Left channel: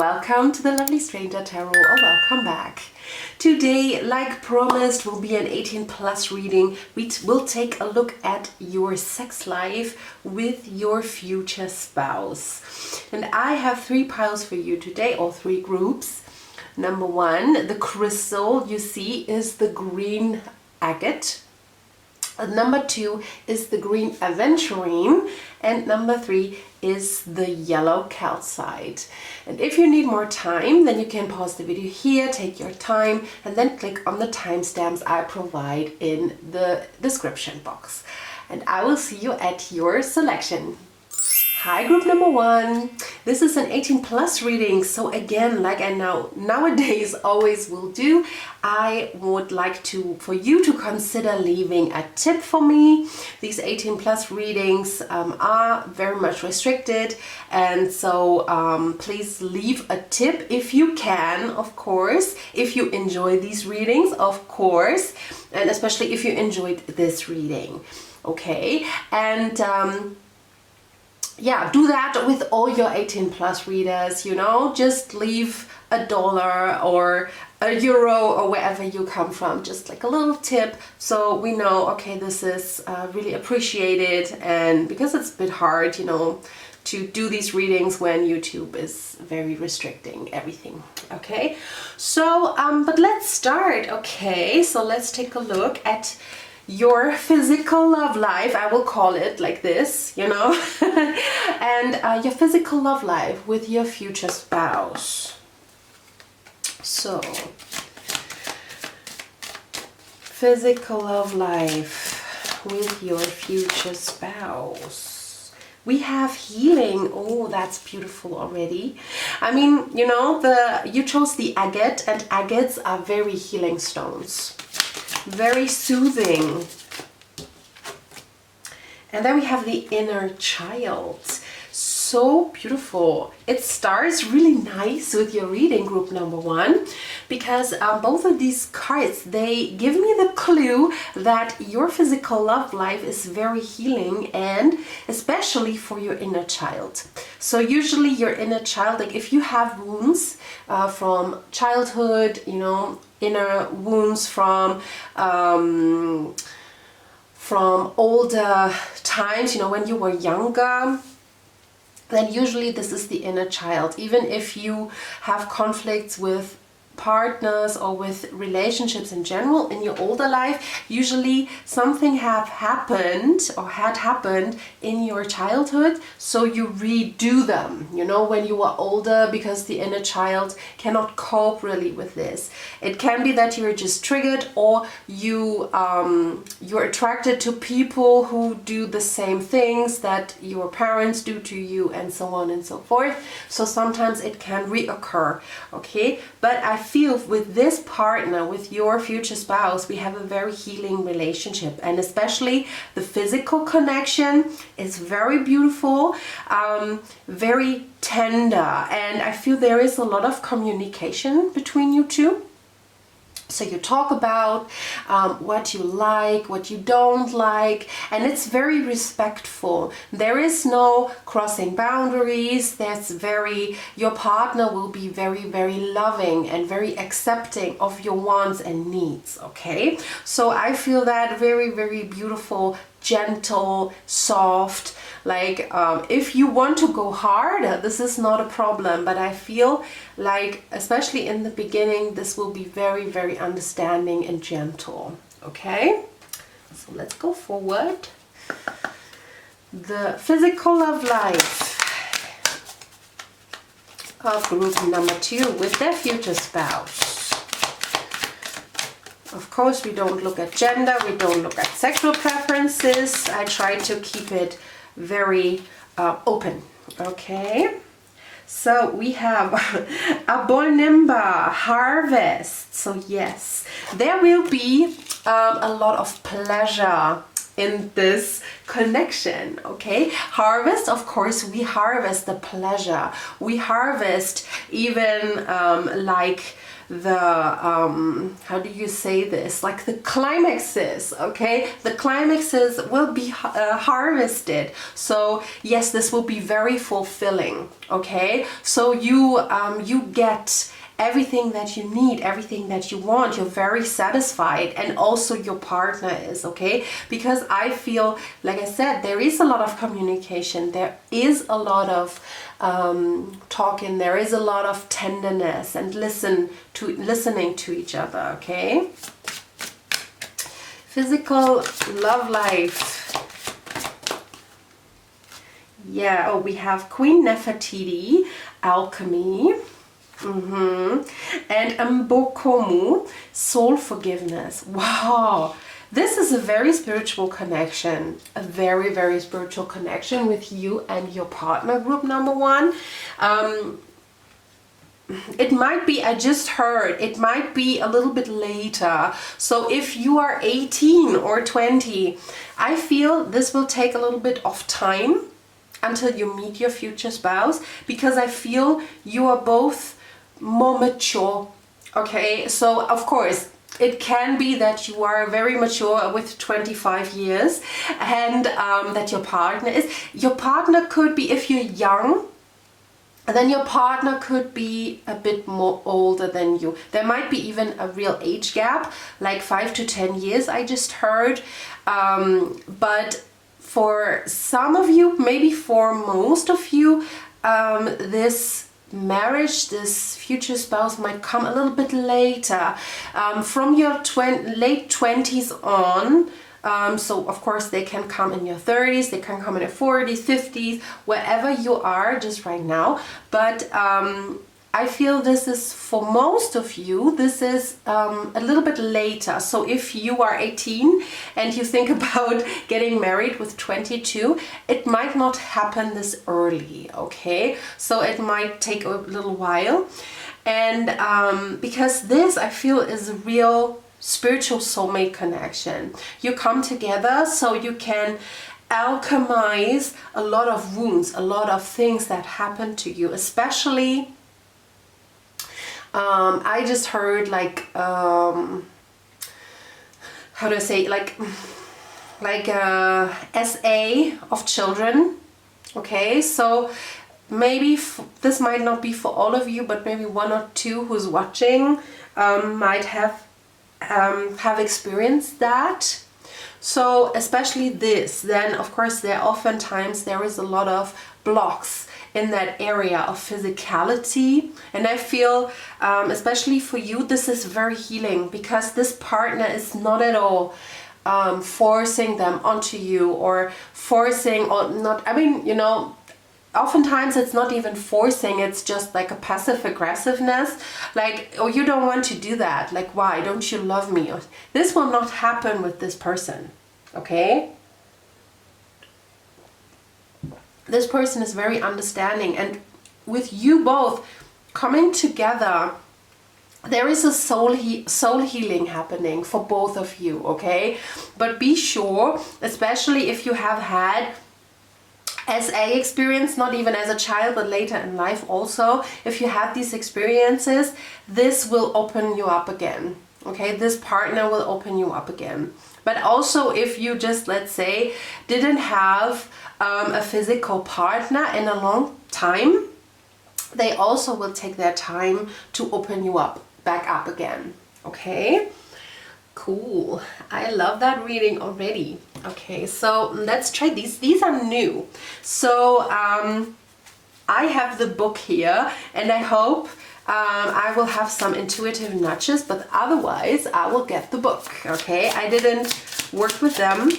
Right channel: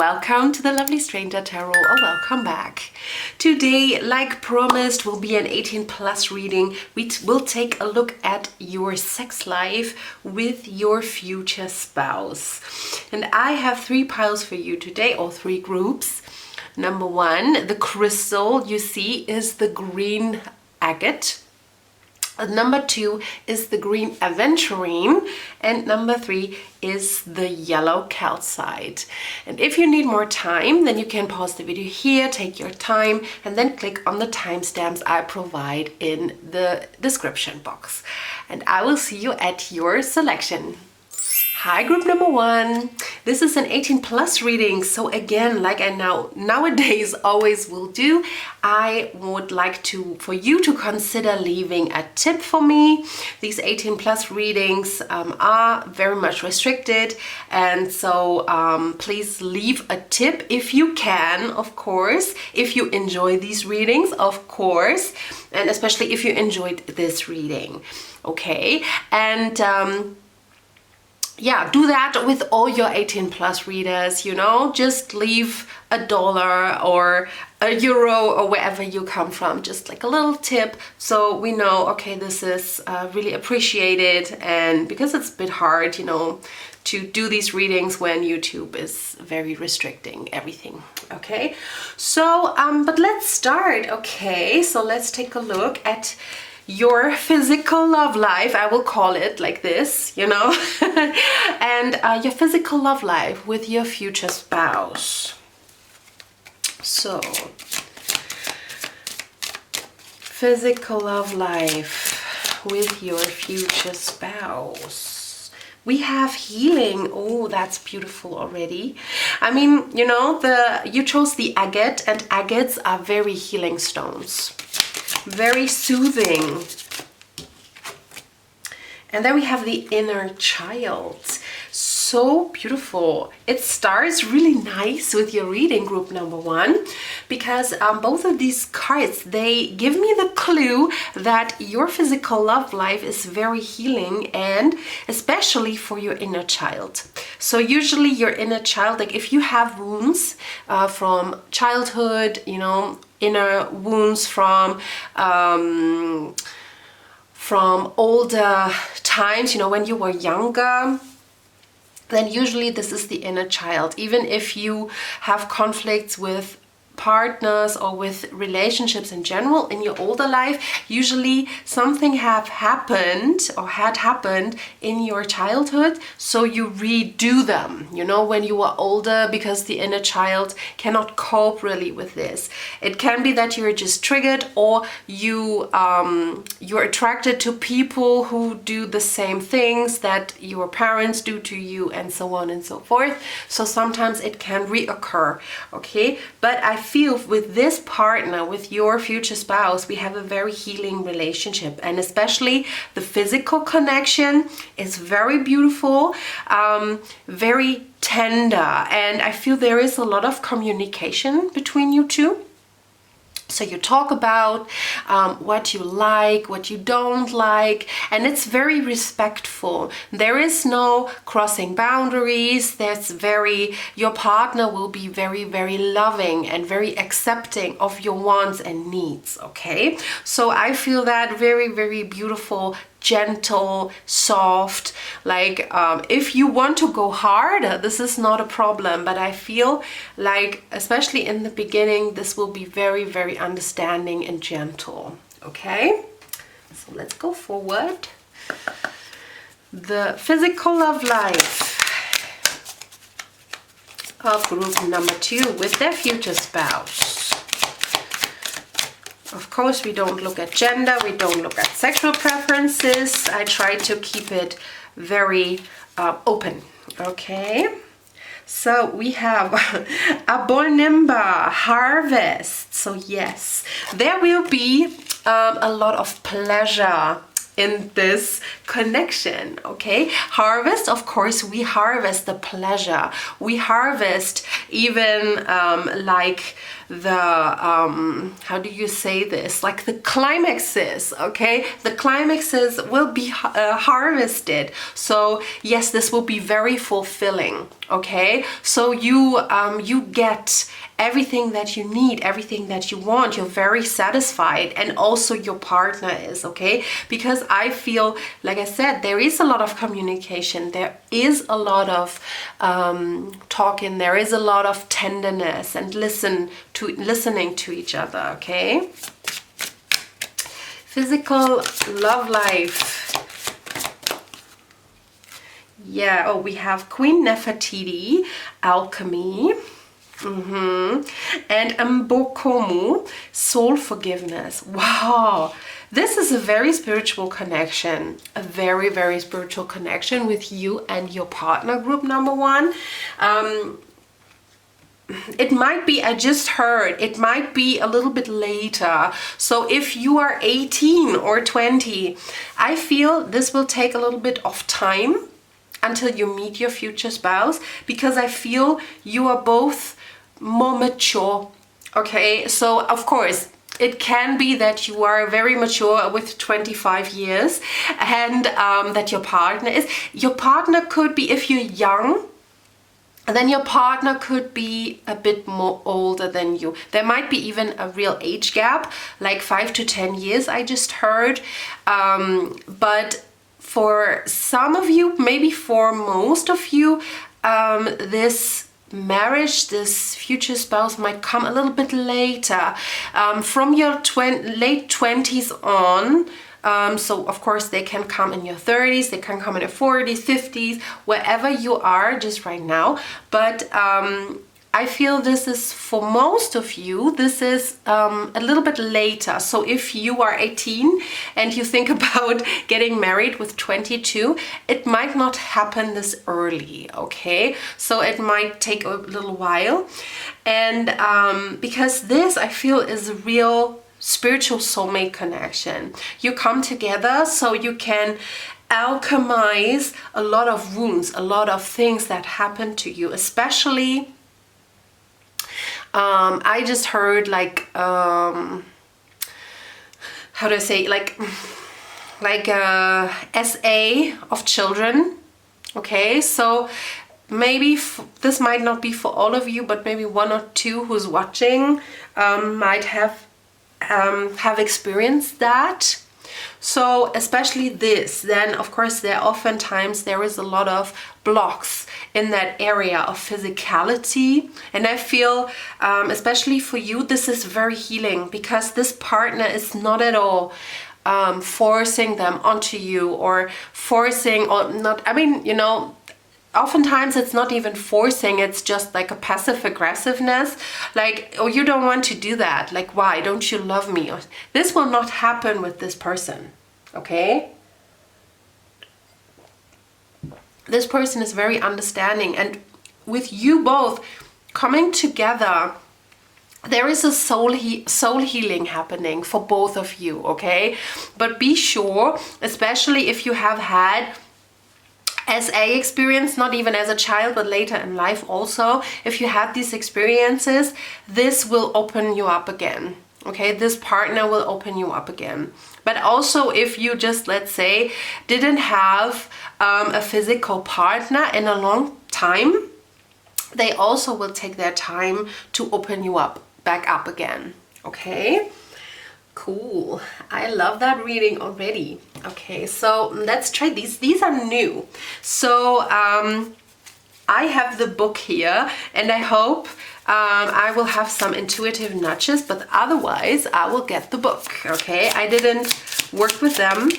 welcome to the Lovely Stranger Tarot, or welcome back. Today, like promised, will be an 18+ reading. We will take a look at your sex life with your future spouse. And I have 3 piles for you today, or 3 groups. Number 1, the crystal you see is the green agate. Number 2 is the green aventurine, and number 3 is the yellow calcite. And if you need more time, then you can pause the video here, take your time, and then click on the timestamps I provide in the description box. And I will see you at your selection. Hi, group number 1. This is an 18+ reading. So again, like I nowadays always will do, I would like for you to consider leaving a tip for me. These 18+ readings are very much restricted, and so please leave a tip if you can, of course, if you enjoy these readings, of course, and especially if you enjoyed this reading. Okay, and yeah, do that with all your 18+ readers, you know, just leave $1 or €1 or wherever you come from, just like a little tip, so we know, okay, this is really appreciated, and because it's a bit hard, you know, to do these readings when YouTube is very restricting everything. Okay, so but let's start. Okay, so let's take a look at your physical love life, I will call it like this, you know, and your physical love life with your future spouse. So, physical love life with your future spouse. We have healing. Oh, that's beautiful already. I mean, you know, you chose the agate, and agates are very healing stones. Very soothing. And then we have the inner child. So beautiful. It starts really nice with your reading, group number 1, because both of these cards, they give me the clue that your physical love life is very healing, and especially for your inner child. So usually your inner child, like if you have wounds from childhood, you know, inner wounds from older times, you know, when you were younger, then usually this is the inner child. Even if you have conflicts with partners or with relationships in general in your older life, usually something had happened in your childhood, so you redo them, you know, when you are older, because the inner child cannot cope really with this. It can be that you're just triggered, or you're attracted to people who do the same things that your parents do to you, and so on and so forth. So sometimes it can reoccur. Okay, but I feel with this partner, with your future spouse, we have a very healing relationship, and especially the physical connection is very beautiful, very tender, and I feel there is a lot of communication between you two. So you talk about what you like, what you don't like, and it's very respectful. There is no crossing boundaries. Your partner will be very, very loving and very accepting of your wants and needs, okay? So I feel that very, very beautiful, gentle, soft, like if you want to go hard, this is not a problem, but I feel like, especially in the beginning, this will be very, very understanding and gentle. Okay, so let's go forward. The physical love life of group number 2 with their future spouse. Of course, we don't look at gender, we don't look at sexual preferences. I try to keep it very open. Okay, so we have Abonimba, harvest. So yes, there will be a lot of pleasure in this connection. Okay, harvest, of course, we harvest the pleasure. We harvest even like how do you say this, like the climaxes, okay? The climaxes will be harvested. So yes, this will be very fulfilling, okay? So you get everything that you need, everything that you want. You're very satisfied, and also your partner is, okay? Because I feel, like I said, there is a lot of communication, there is a lot of talking, there is a lot of tenderness and listening to each other, okay? Physical love life. Yeah, oh, we have Queen Nefertiti, alchemy. And 𝐦𝐚𝐫𝐫𝐢𝐚, soul forgiveness. Wow, this is a very spiritual connection, a very, very spiritual connection with you and your partner, group number one. It might be, I just heard, it might be a little bit later. So if you are 18 or 20, I feel this will take a little bit of time until you meet your future spouse, because I feel you are both more mature, okay? So of course it can be that you are very mature with 25 years, and that your partner could be, if you're young, then your partner could be a bit more older than you. There might be even a real age gap, like 5 to 10 years, I just heard. But for some of you, maybe for most of you, this marriage, this future spouse might come a little bit later, from your late 20s on. So of course they can come in your 30s, they can come in your 40s, 50s, wherever you are just right now. But I feel this is, for most of you, this is a little bit later. So if you are 18 and you think about getting married with 22, it might not happen this early, okay? So it might take a little while. And because this, I feel, is a real spiritual soulmate connection. You come together so you can alchemize a lot of wounds, a lot of things that happen to you, especially I just heard, like, how do I say, like SA of children, okay? So maybe this might not be for all of you, but maybe one or two who's watching might have experienced that. So especially this, then of course oftentimes there is a lot of blocks in that area of physicality, and I feel especially for you this is very healing, because this partner is not at all forcing them onto you, or forcing, or not, I mean, you know, oftentimes it's not even forcing, it's just like a passive aggressiveness, like, oh, you don't want to do that, like, why don't you love me? This will not happen with this person, okay? This person is very understanding, and with you both coming together, there is a soul healing happening for both of you, okay? But be sure, especially if you have had SA experience, not even as a child, but later in life also, if you have these experiences, this will open you up again, okay? This partner will open you up again. But also if you just, let's say, didn't have a physical partner in a long time, they also will take their time to open you up, back up again, okay? Cool. I love that reading already. Okay, so let's try these. These are new. So I have the book here, and I hope I will have some intuitive nudges, but otherwise I will get the book, okay? I didn't work with them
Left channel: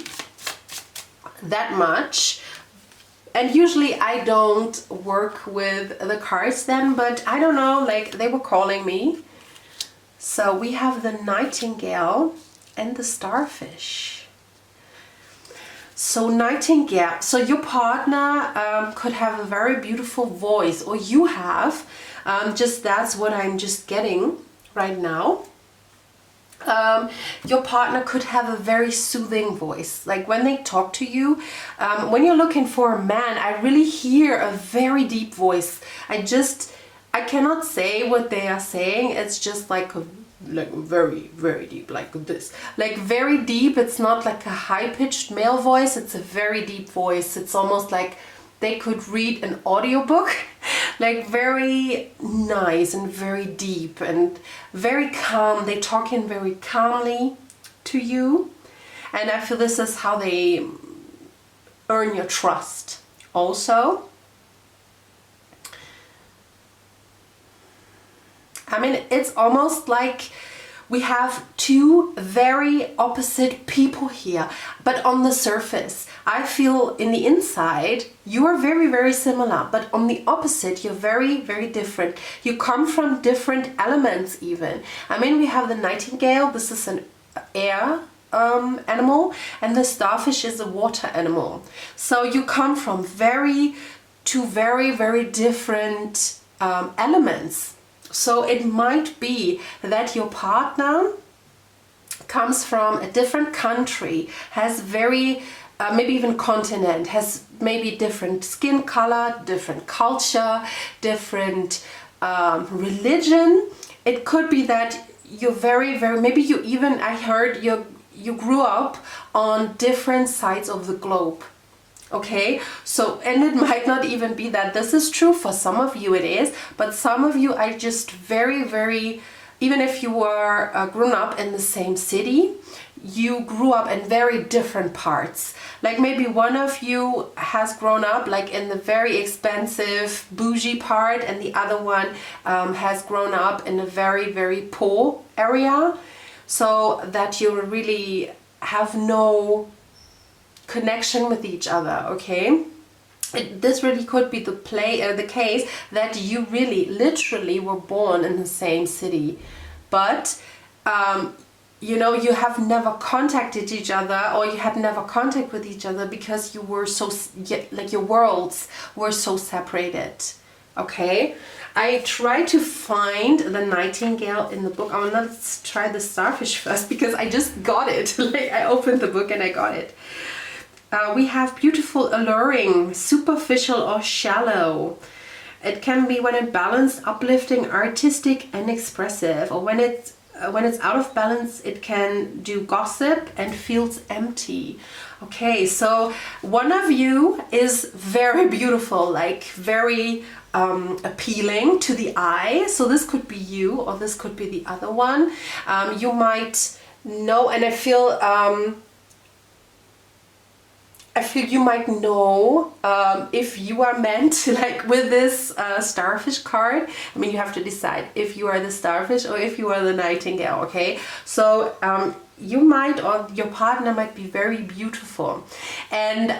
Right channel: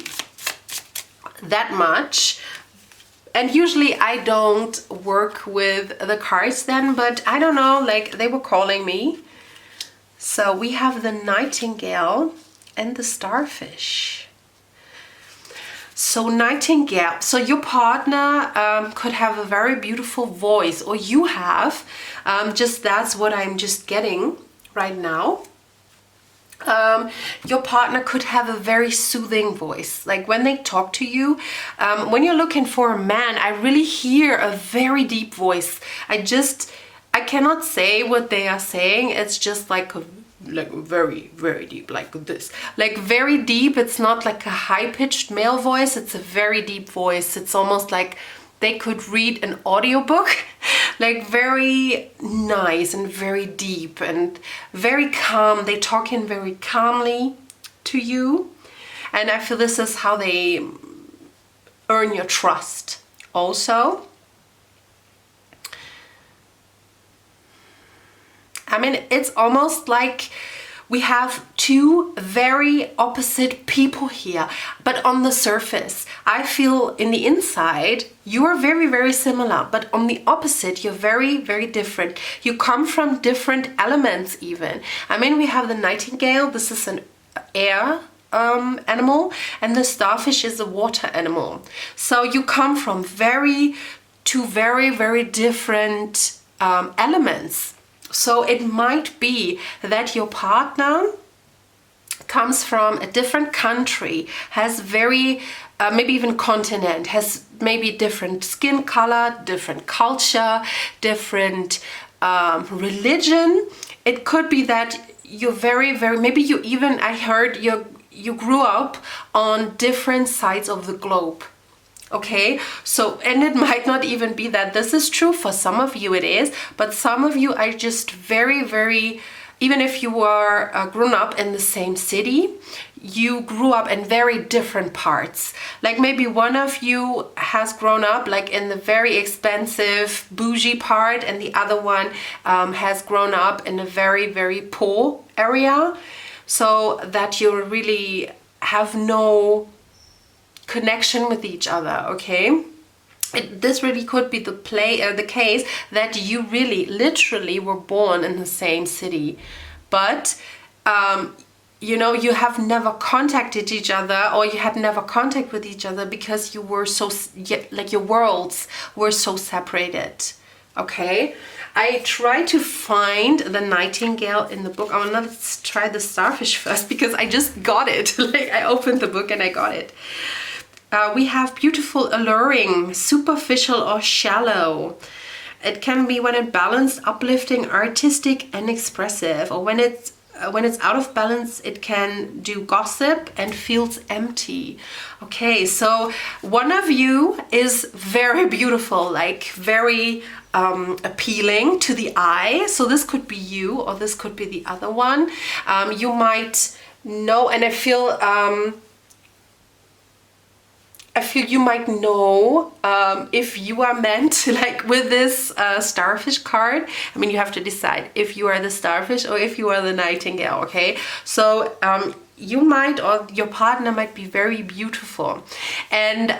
that much, and usually I don't work with the cards then, but I don't know, like, they were calling me. So we have the Nightingale and the Starfish. So Nightingale, so your partner could have a very beautiful voice, or you have, just that's what I'm just getting right now. Your partner could have a very soothing voice, like when they talk to you. When you're looking for a man, I really hear a very deep voice. I cannot say what they are saying. It's just like very, very deep, like this. Like very deep. It's not like a high-pitched male voice. It's a very deep voice. It's almost like they could read an audiobook. Like very nice and very deep and very calm. They talk in very calmly to you. And I feel this is how they earn your trust also. I mean, it's almost like we have two very opposite people here, but on the surface, I feel in the inside, you are very, very similar, but on the opposite, you're very, very different. You come from different elements even. I mean, we have the nightingale. This is an air animal, and the starfish is a water animal. So you come from two very, very different elements. So it might be that your partner comes from a different country, has very, maybe even continent, has maybe different skin color, different culture, different religion. It could be that you're very, very, maybe you even, I heard you grew up on different sides of the globe. Okay, so, and it might not even be that this is true. For some of you it is, but some of you are just very, very, even if you were grown up in the same city, you grew up in very different parts. Like maybe one of you has grown up like in the very expensive bougie part, and the other one has grown up in a very, very poor area, so that you really have no connection with each other. Okay, this really could be the case that you really literally were born in the same city, but you know, you have never contacted each other, or you had never contact with each other because you were so, like your worlds were so separated. Okay, I try to find the nightingale in the book. Oh, now let's try the starfish first, because I just got it. Like I opened the book and I got it. We have beautiful, alluring, superficial or shallow. It can be when it's balanced, uplifting, artistic and expressive, or when it's out of balance, it can do gossip and feels empty. Okay, so one of you is very beautiful, like very appealing to the eye. So this could be you, or this could be the other one. You might know, and I feel you might know if you are meant, like with this starfish card. I mean, you have to decide if you are the starfish or if you are the nightingale, okay? So you might, or your partner might be very beautiful, and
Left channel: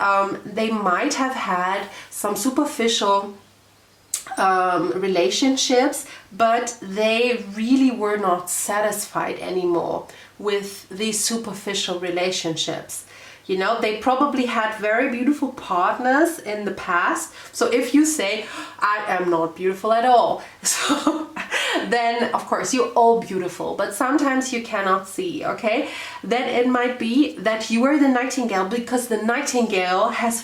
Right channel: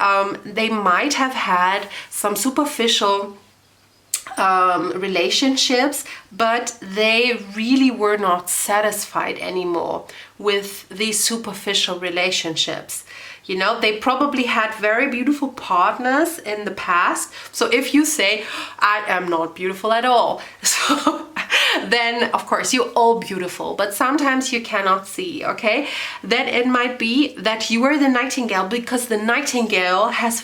they might have had some superficial relationships, but they really were not satisfied anymore with these superficial relationships. You know, they probably had very beautiful partners in the past. So if you say, I am not beautiful at all, so then of course you're all beautiful, but sometimes you cannot see, okay? Then it might be that you are the nightingale, because the nightingale has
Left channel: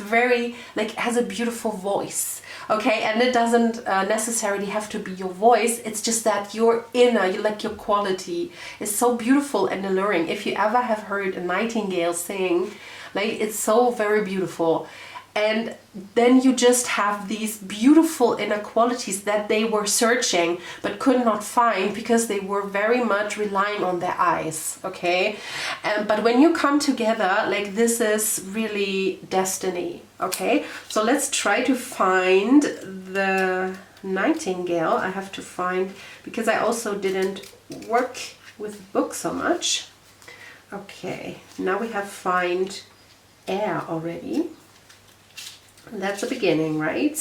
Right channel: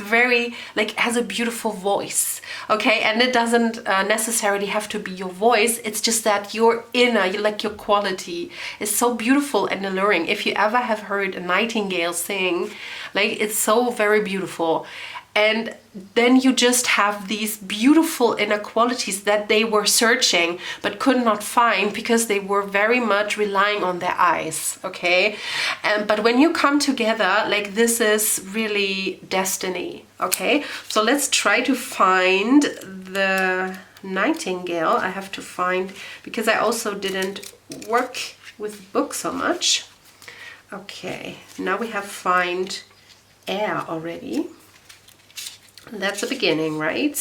has a beautiful voice. Okay, and it doesn't necessarily have to be your voice. It's just that your inner, like your quality, is so beautiful and alluring. If you ever have heard a nightingale sing, like it's so very beautiful. And then you just have these beautiful inner qualities that they were searching but could not find, because they were very much relying on their eyes, okay? But when you come together, like this is really destiny, okay? So let's try to find the nightingale. I have to find, because I also didn't work with books so much. Okay, now we have find air already. That's the beginning, right?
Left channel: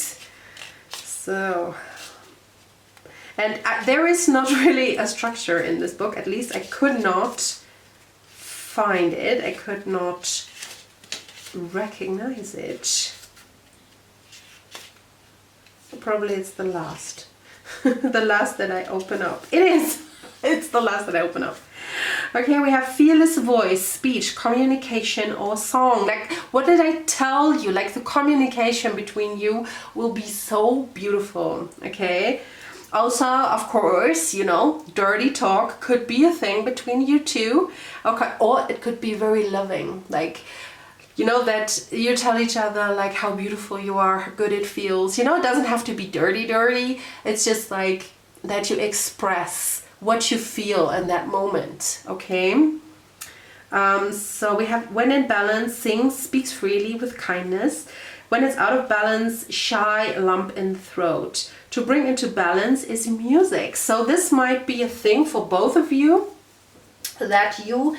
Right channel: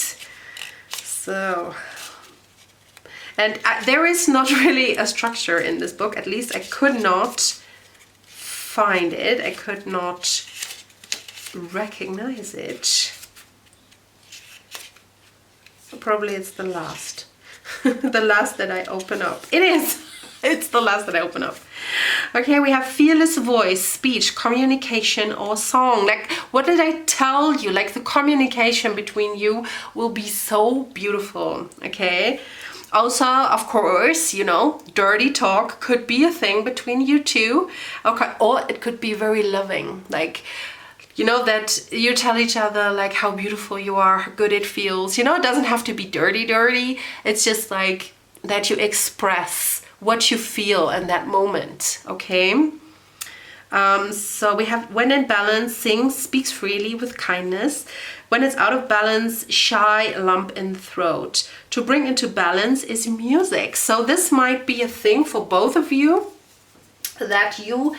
So, and there is not really a structure in this book. At least I could not find it. I could not recognize it. Probably it's the last. The last that I open up. It is! It's the last that I open up. Okay, we have fearless voice, speech, communication, or song. Like, what did I tell you? Like, the communication between you will be so beautiful, okay? Also, of course, you know, dirty talk could be a thing between you two. Okay, or it could be very loving, like, you know, that you tell each other like how beautiful you are, how good it feels. You know, it doesn't have to be dirty. It's just like that you express what you feel in that moment, okay? So we have, when in balance, sings, speaks freely with kindness. When it's out of balance, shy, lump in the throat. To bring into balance is music. So this might be a thing for both of you, that you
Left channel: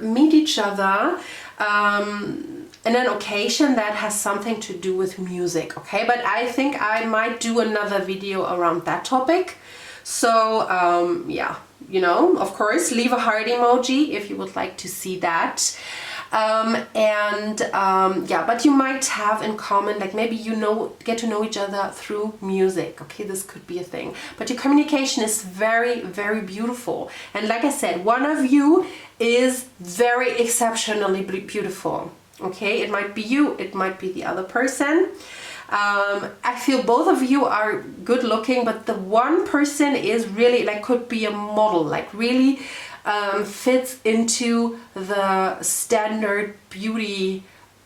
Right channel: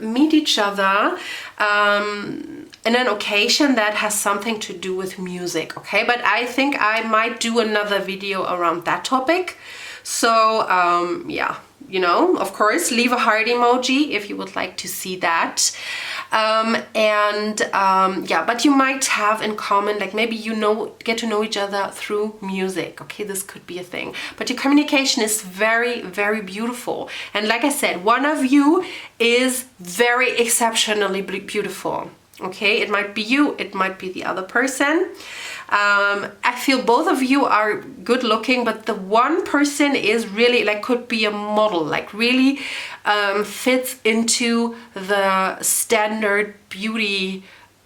meet each other in an occasion that has something to do with music, okay? But I think I might do another video around that topic. So yeah, you know, of course, leave a heart emoji if you would like to see that. Yeah, but you might have in common, like maybe you know, get to know each other through music, okay? This could be a thing, but your communication is very, very beautiful. And like I said, one of you is very exceptionally beautiful, okay? It might be you, it might be the other person. I feel both of you are good looking, but the one person is really, like, could be a model, like really fits into the standard beauty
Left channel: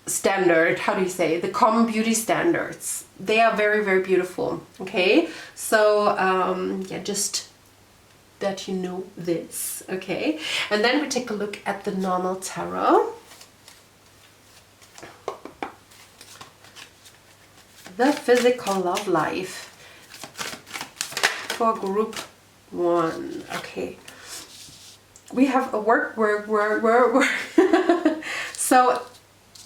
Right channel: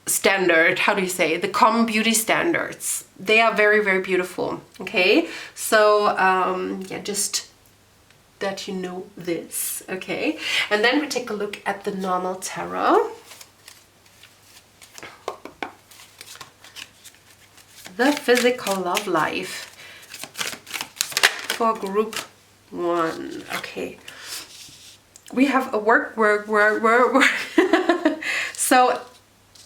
standard, how do you say, the common beauty standards. They are very, very beautiful, okay? So yeah, just that you know this, okay? And then we take a look at the normal tarot. The physical love life for group 1, okay? We have a work. So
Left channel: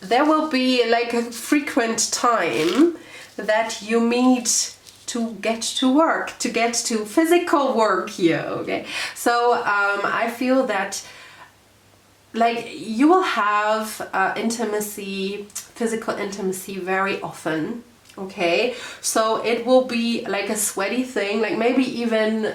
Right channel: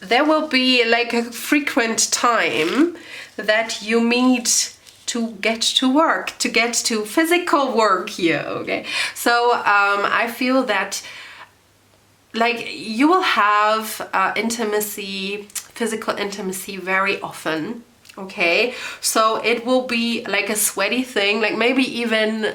there will be like a frequent time that you meet to get to work, to get to physical work here, okay? So I feel that like you will have intimacy, physical intimacy very often, okay? So it will be like a sweaty thing, like maybe even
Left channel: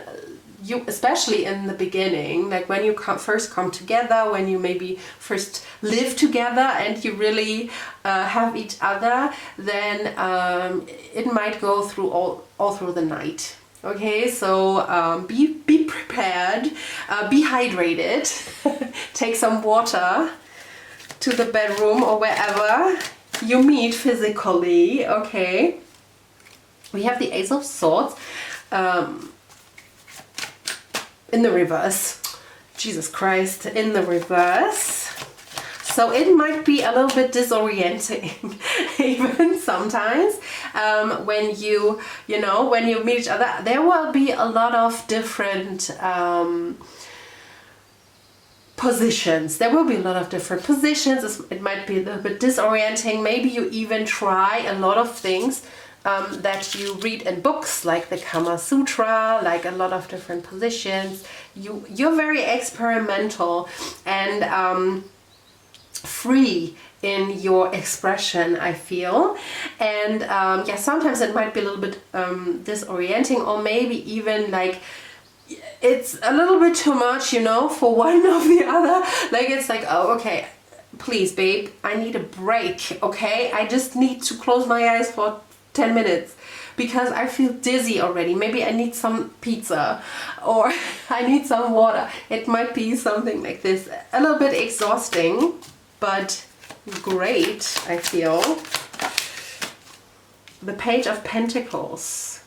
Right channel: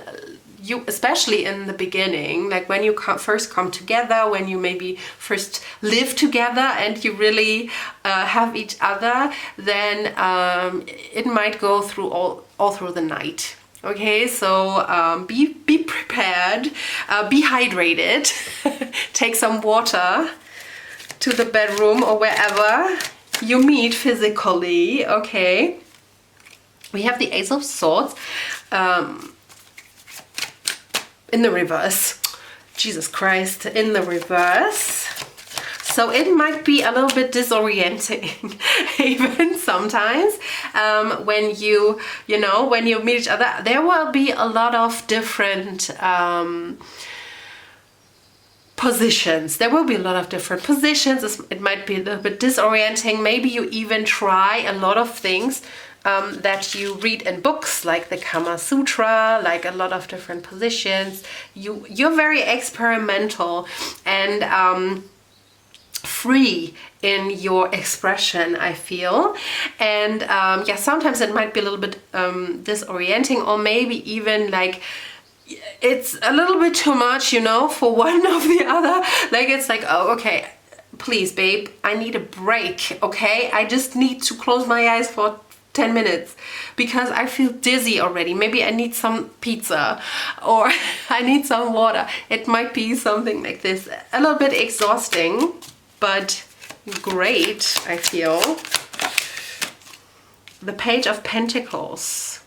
you, especially in the beginning, like when you first come together, when you maybe first live together and you really have each other, then it might go through all through the night. Okay, so be prepared, be hydrated, take some water to the bedroom or wherever you meet physically, okay? We have the Ace of Swords. In the reverse, Jesus Christ, in the reverse. So it might be a little bit disorienting even sometimes when you know, when you meet each other. There will be a lot of different positions. There will be a lot of different positions. It might be a little bit disorienting. Maybe you even try a lot of things that you read in books, like the Kama Sutra, like a lot of different positions. You're very experimental and free in your expression, I feel. And yeah, sometimes it might be a little bit disorienting, or maybe even like it's a little bit too much, you know, for one or the other. Like it's like, oh, okay, please, babe, I need a break, okay? I just need to close my eyes for 10 minutes because I feel dizzy already. Maybe I need some pizza or I need some water. It might be something like this. A little bit exhausting, but great, I feel. The Page of Pentacles.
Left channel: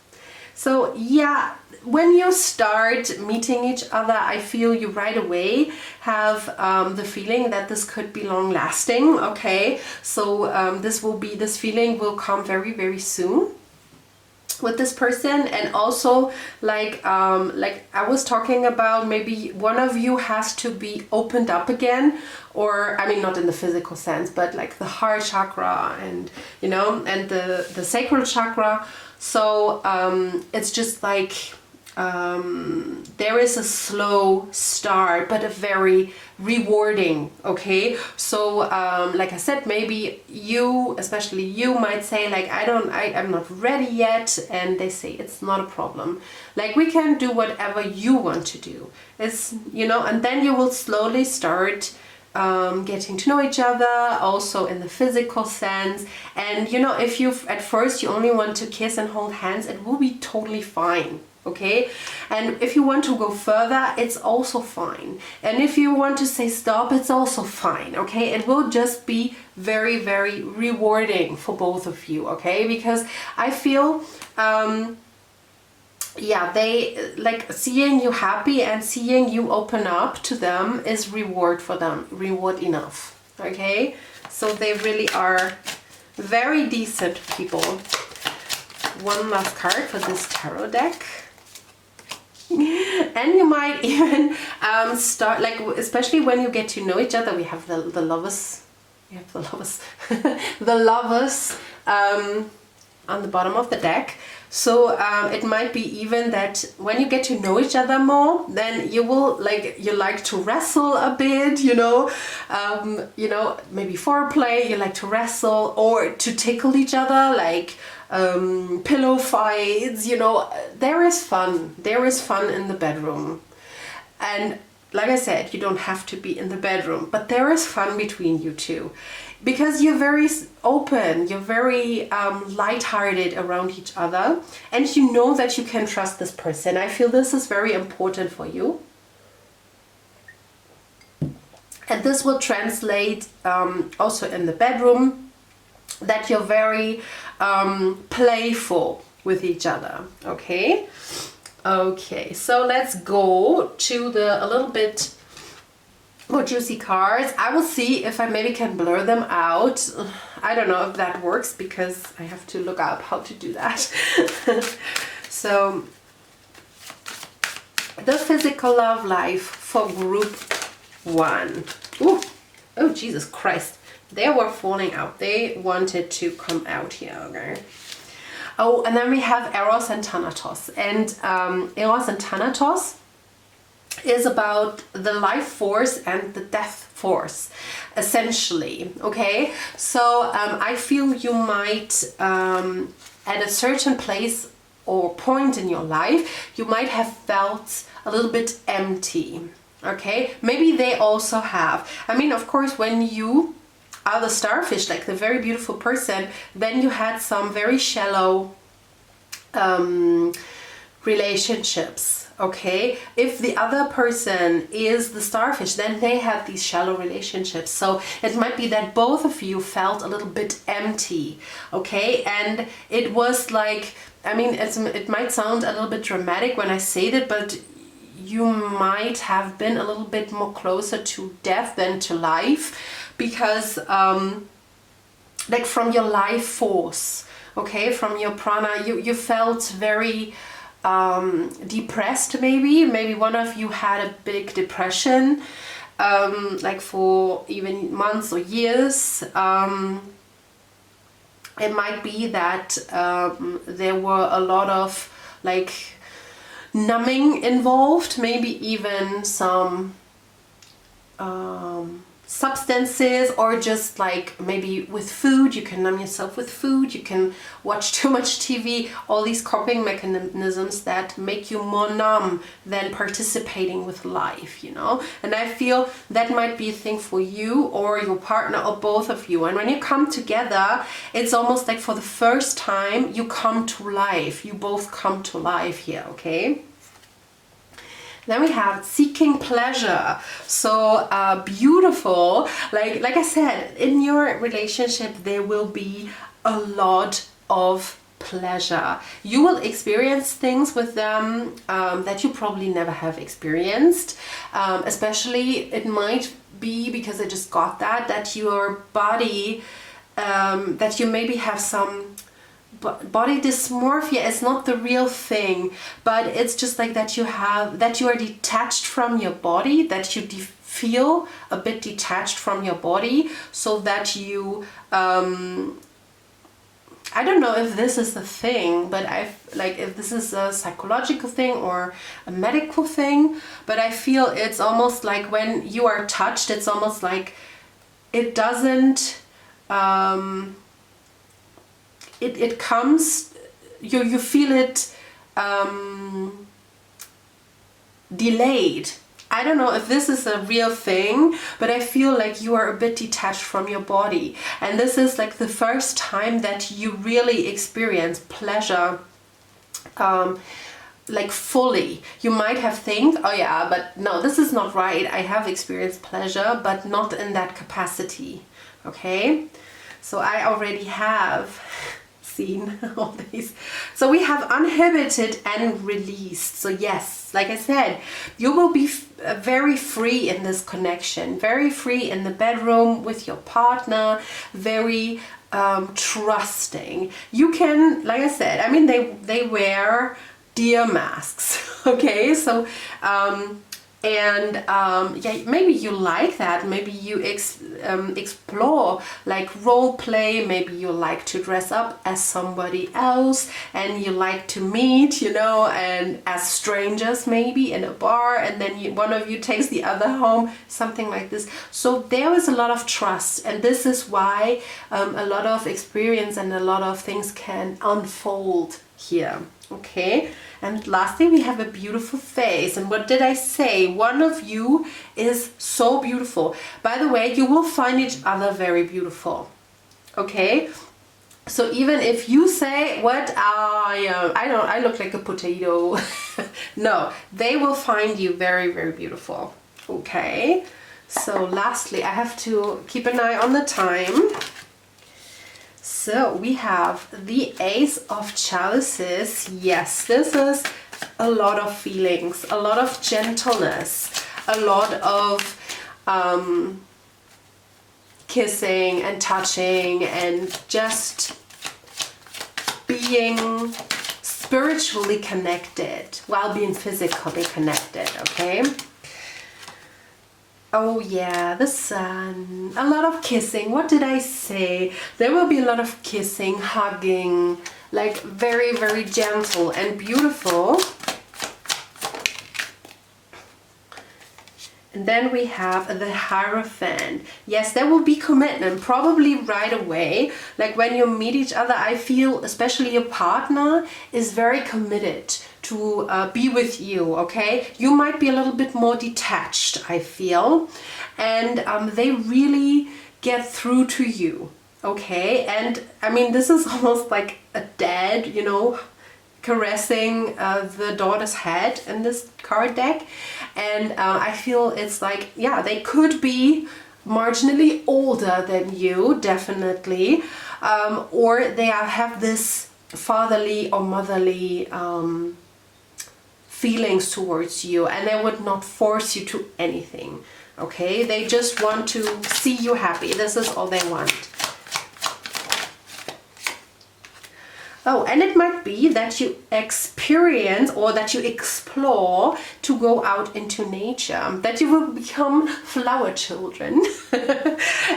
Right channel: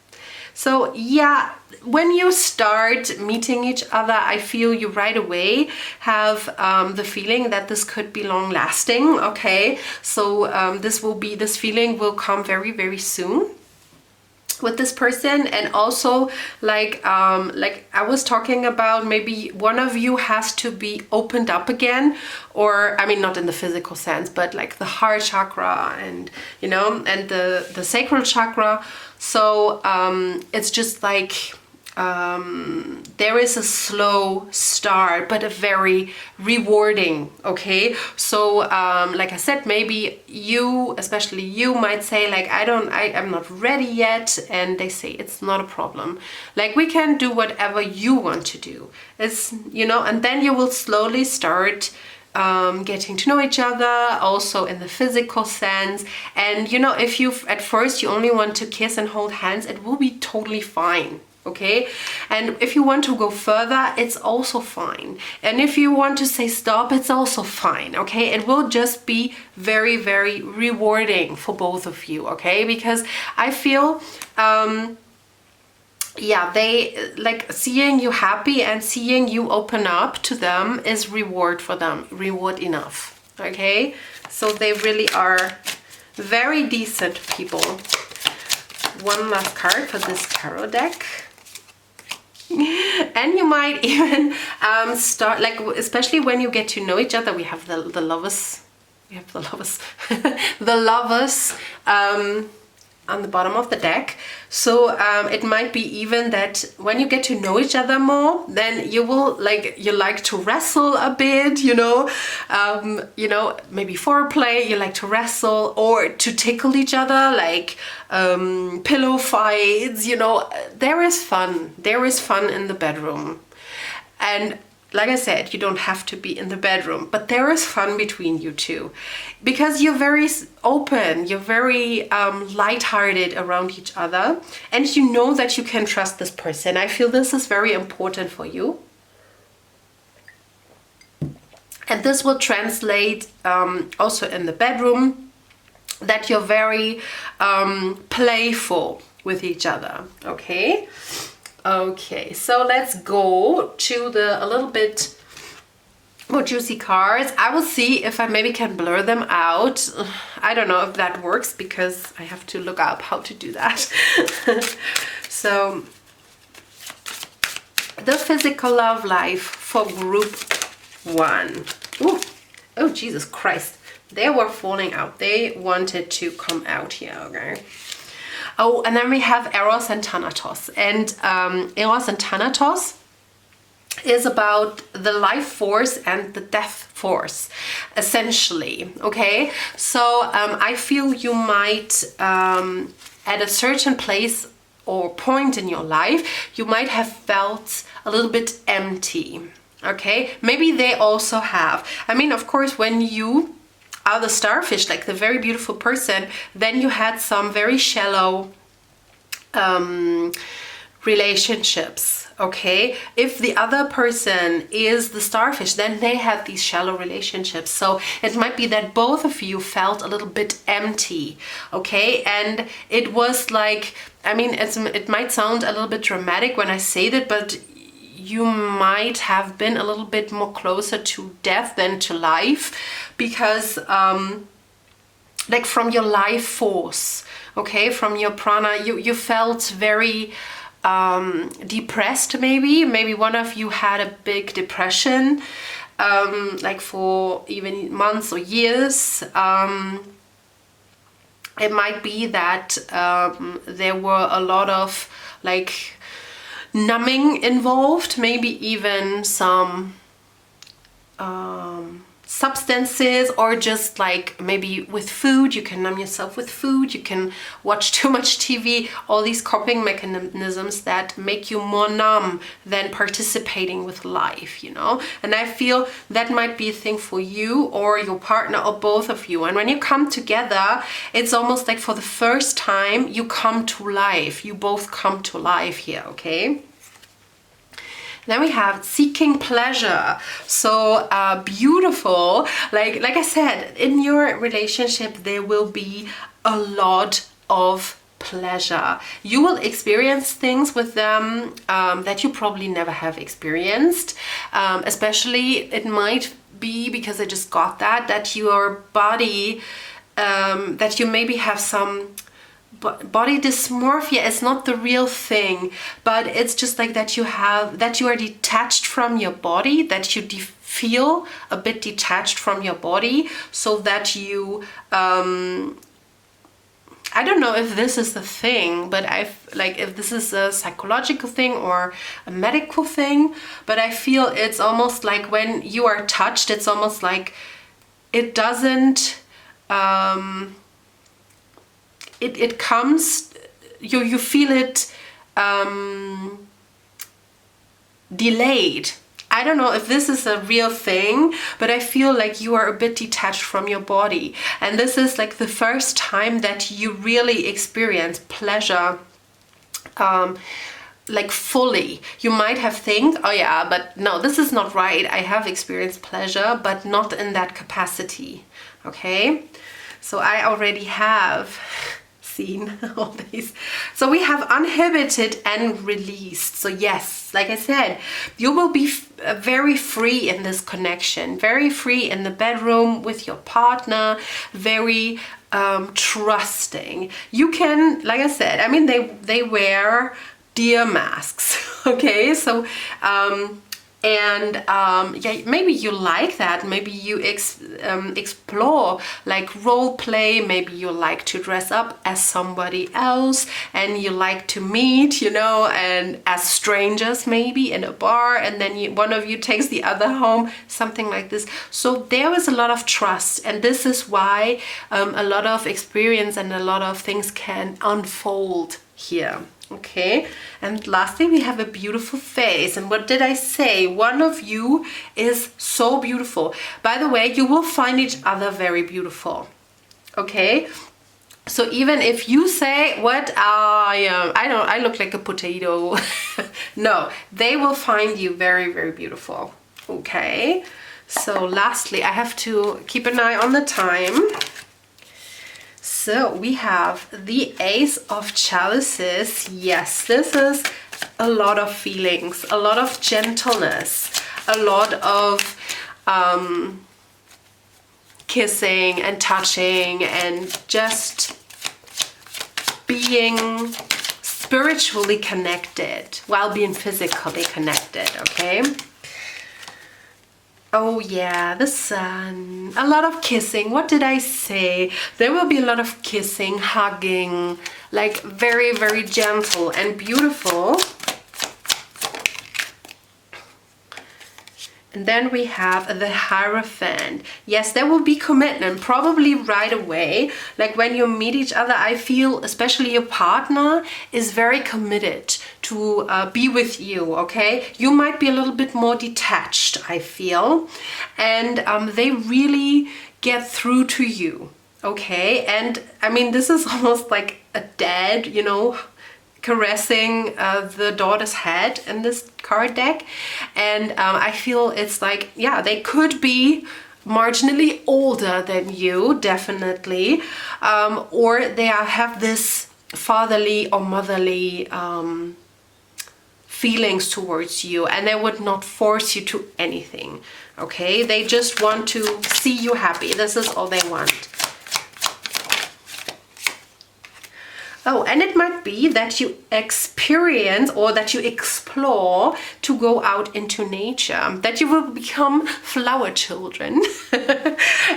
So yeah, when you start meeting each other, I feel you right away have the feeling that this could be long lasting, okay? So this feeling will come very, very soon with this person. And also like I was talking about, maybe one of you has to be opened up again, or I mean not in the physical sense, but like the heart chakra and, you know, and the sacral chakra. So it's just like there is a slow start, but a very rewarding, okay? So like I said, maybe you, especially you, might say like, I'm not ready yet, and they say it's not a problem. Like we can do whatever you want to do. It's, you know, and then you will slowly start getting to know each other, also in the physical sense. And you know, if you at first you only want to kiss and hold hands, it will be totally fine. okay? And if you want to go further, it's also fine. And if you want to say stop, it's also fine, okay? It will just be very, very rewarding for both of you, okay? Because I feel, yeah, they like seeing you happy and seeing you open up to them is reward for them, reward enough, okay? So they really are very decent people. One last card for this tarot deck. And you might even start, like, especially when you get to know each other. We have the lovers, we have the lovers, the lovers on the bottom of the deck. So it might be even that when you get to know each other more, then you will you like to wrestle a bit, you know, maybe foreplay, you like to wrestle or to tickle each other, like pillow fights, you know. There is fun in the bedroom. And like I said, you don't have to be in the bedroom, but there is fun between you two because you're very open, you're very lighthearted around each other, and you know that you can trust this person. I feel this is very important for you. And this will translate also in the bedroom, that you're very playful with each other, okay? Okay, so let's go to a little bit more juicy cards. I will see if I maybe can blur them out. I don't know if that works because I have to look up how to do that. So, the physical love life for group 1. Ooh. Oh, Jesus Christ. They were falling out. They wanted to come out here, okay? Oh, and then we have Eros and Thanatos. And Eros and Thanatos is about the life force and the death force, essentially, okay? So I feel you might, at a certain place or point in your life, you might have felt a little bit empty, okay? Maybe they also have. I mean, of course, when you are the starfish, like the very beautiful person, then you had some very shallow relationships, okay? If the other person is the starfish, then they have these shallow relationships. So it might be that both of you felt a little bit empty, okay? And it was like, I mean, it might sound a little bit dramatic when I say that, but you might have been a little bit more closer to death than to life, because like from your life force, okay, from your prana, you felt very depressed. Maybe one of you had a big depression, like for even months or years. It might be that there were a lot of like numbing involved, maybe even some substances, or just like maybe with food. You can numb yourself with food, you can watch too much TV, all these coping mechanisms that make you more numb than participating with life, you know. And I feel that might be a thing for you or your partner or both of you. And when you come together, it's almost like for the first time you come to life, you both come to life here, okay? Then we have seeking pleasure. So beautiful. Like I said, in your relationship there will be a lot of pleasure. You will experience things with them that you probably never have experienced. Especially it might be, because I just got that your body, that you maybe have some body dysmorphia. Is not the real thing, but it's just like that you are detached from your body, that you feel a bit detached from your body, so that you I don't know if this is the thing, but if this is a psychological thing or a medical thing, but I feel it's almost like when you are touched, it's almost like it doesn't it comes, you feel it delayed. I don't know if this is a real thing, but I feel like you are a bit detached from your body. And this is like the first time that you really experience pleasure like fully. You might have think, oh yeah, but no, this is not right. I have experienced pleasure, but not in that capacity. Okay, so I already have seen all these. So we have uninhibited and released. So yes, like I said, you will be very free in this connection, very free in the bedroom with your partner, very trusting. You can, like I said, I mean, they wear deer masks. Okay, so yeah, maybe you like that. Maybe you explore like role play. Maybe you like to dress up as somebody else, and you like to meet, you know, and as strangers maybe in a bar, and then one of you takes the other home, something like this. So there is a lot of trust, and this is why a lot of experience and a lot of things can unfold here. Okay, and lastly we have a beautiful face. And what did I say? One of you is so beautiful. By the way, you will find each other very beautiful. Okay, so even if you say, what, I look like a potato. No, they will find you very, very beautiful. Okay, so lastly I have to keep an eye on the time. So we have the Ace of Chalices. Yes, this is a lot of feelings, a lot of gentleness, a lot of kissing and touching and just being spiritually connected while being physically connected, okay? Oh yeah, the Sun. A lot of kissing. What did I say? There will be a lot of kissing, hugging, like very, very gentle and beautiful. And then we have the Hierophant. Yes, there will be commitment, probably right away. Like when you meet each other, I feel especially your partner is very committed to be with you, okay? You might be a little bit more detached, I feel. And they really get through to you, okay? And I mean, this is almost like a dad, you know, caressing the daughter's head in this card deck. And I feel it's like, yeah, they could be marginally older than you, definitely, or they have this fatherly or motherly feelings towards you, and they would not force you to anything, okay? They just want to see you happy. This is all they want. Oh, and it might be that you experience or that you explore to go out into nature, that you will become flower children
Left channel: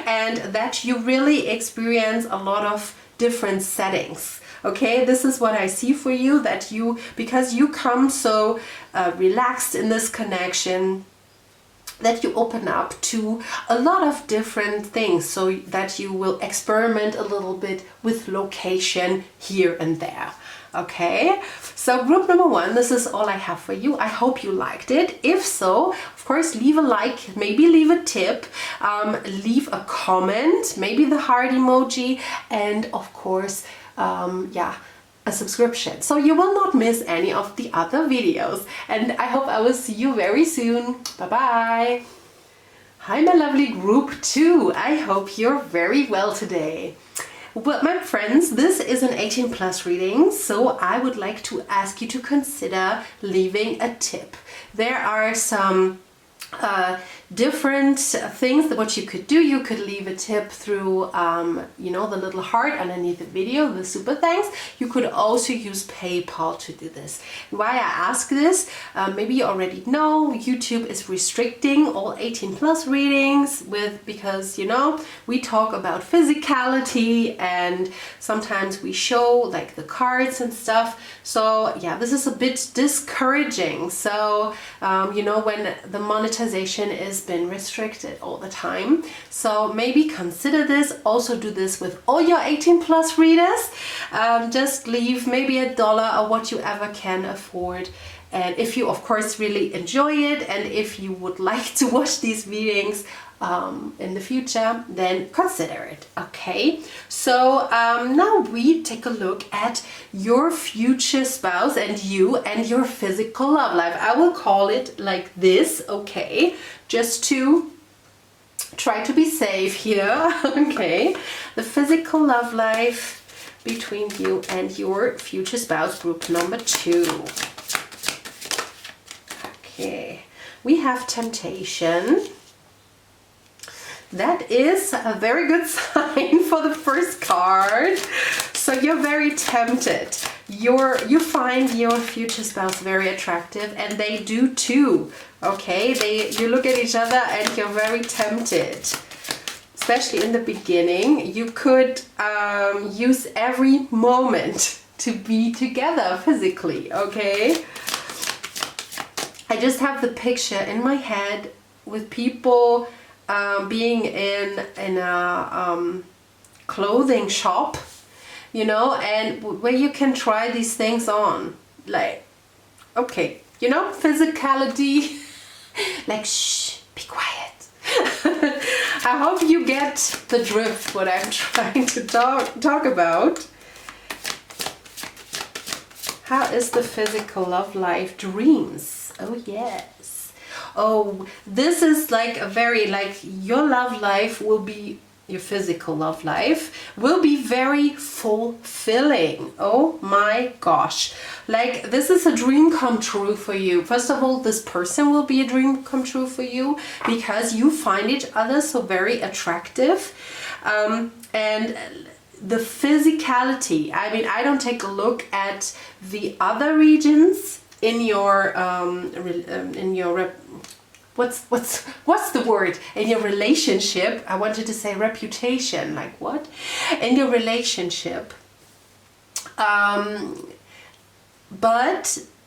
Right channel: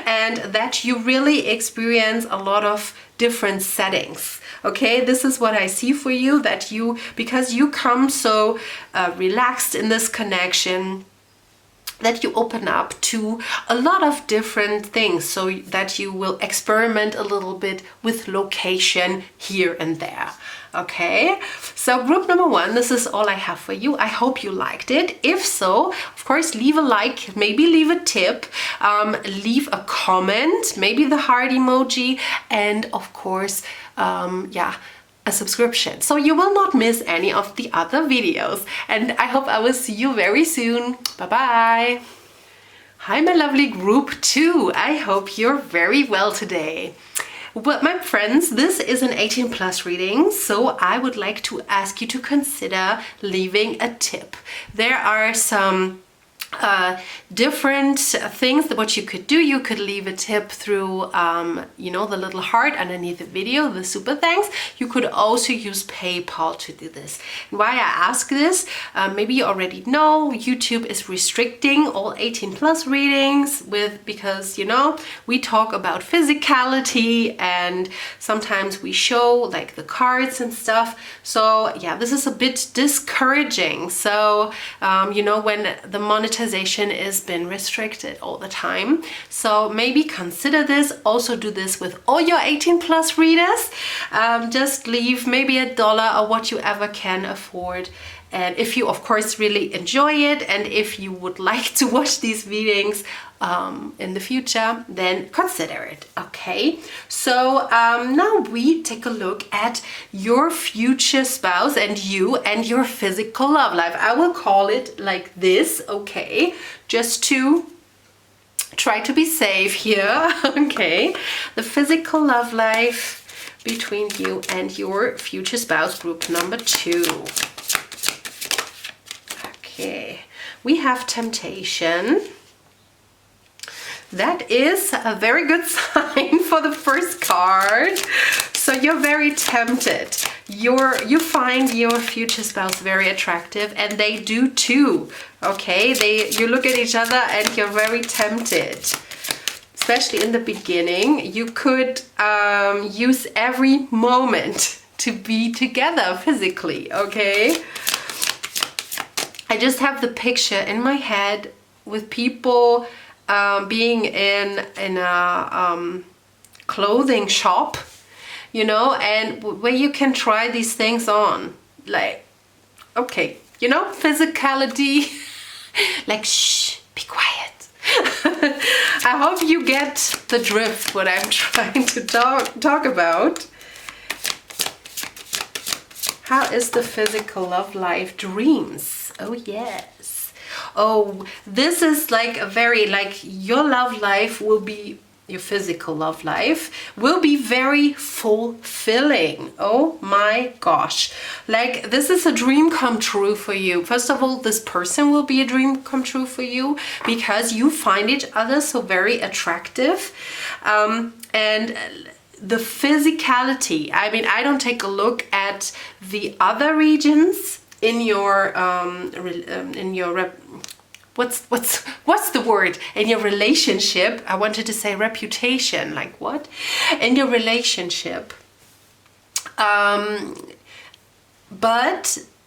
and that you really experience a lot of different settings. Okay, this is what I see for you, that you, because you come so relaxed in this connection, that you open up to a lot of different things, so that you will experiment a little bit with location here and there. Okay, so group number one, this is all I have for you. I hope you liked it. If so, of course, leave a like, maybe leave a tip, leave a comment, maybe the heart emoji, and of course, yeah, a subscription, so you will not miss any of the other videos. And I hope I will see you very soon. Bye bye. Hi my lovely group 2, I hope you're very well today. Well, my friends, this is an 18+ reading, so I would like to ask you to consider leaving a tip. There are some different things that what you could do. You could leave a tip through you know, the little heart underneath the video, the super thanks. You could also use PayPal to do this. Why I ask this, maybe you already know YouTube is restricting all 18+ readings because, you know, we talk about physicality and sometimes we show like the cards and stuff. So yeah, this is a bit discouraging. So you know, when the monetization is been restricted all the time, so maybe consider this. Also do this with all your 18+ readers. Just leave maybe $1 or what you ever can afford, And if you, of course, really enjoy it, and if you would like to watch these readings in the future, then consider it. Okay, so now we take a look at your future spouse and you and your physical love life. I will call it like this, okay, just to try to be safe here. Okay, the physical love life between you and your future spouse, group number 2. Okay, we have temptation. That is a very good sign for the first card. So you're very tempted. You find your future spouse very attractive, and they do too. Okay, you look at each other and you're very tempted. Especially in the beginning, you could use every moment to be together physically. Okay. I just have the picture in my head with people being in a clothing shop, you know, and where you can try these things on, like, okay, you know, physicality, like, shh, be quiet. I hope you get the drift what I'm trying to talk about. How is the physical love life? Dreams. Oh yes. Oh, this is like a very, like, your love life will be, your physical love life will be very fulfilling. Oh my gosh. Like, this is a dream come true for you. First of all, this person will be a dream come true for you because you find each other so very attractive. And the physicality, I mean, I don't take a look at the other regions in your what's the word, in your relationship. I wanted to say reputation, like what? In your relationship. But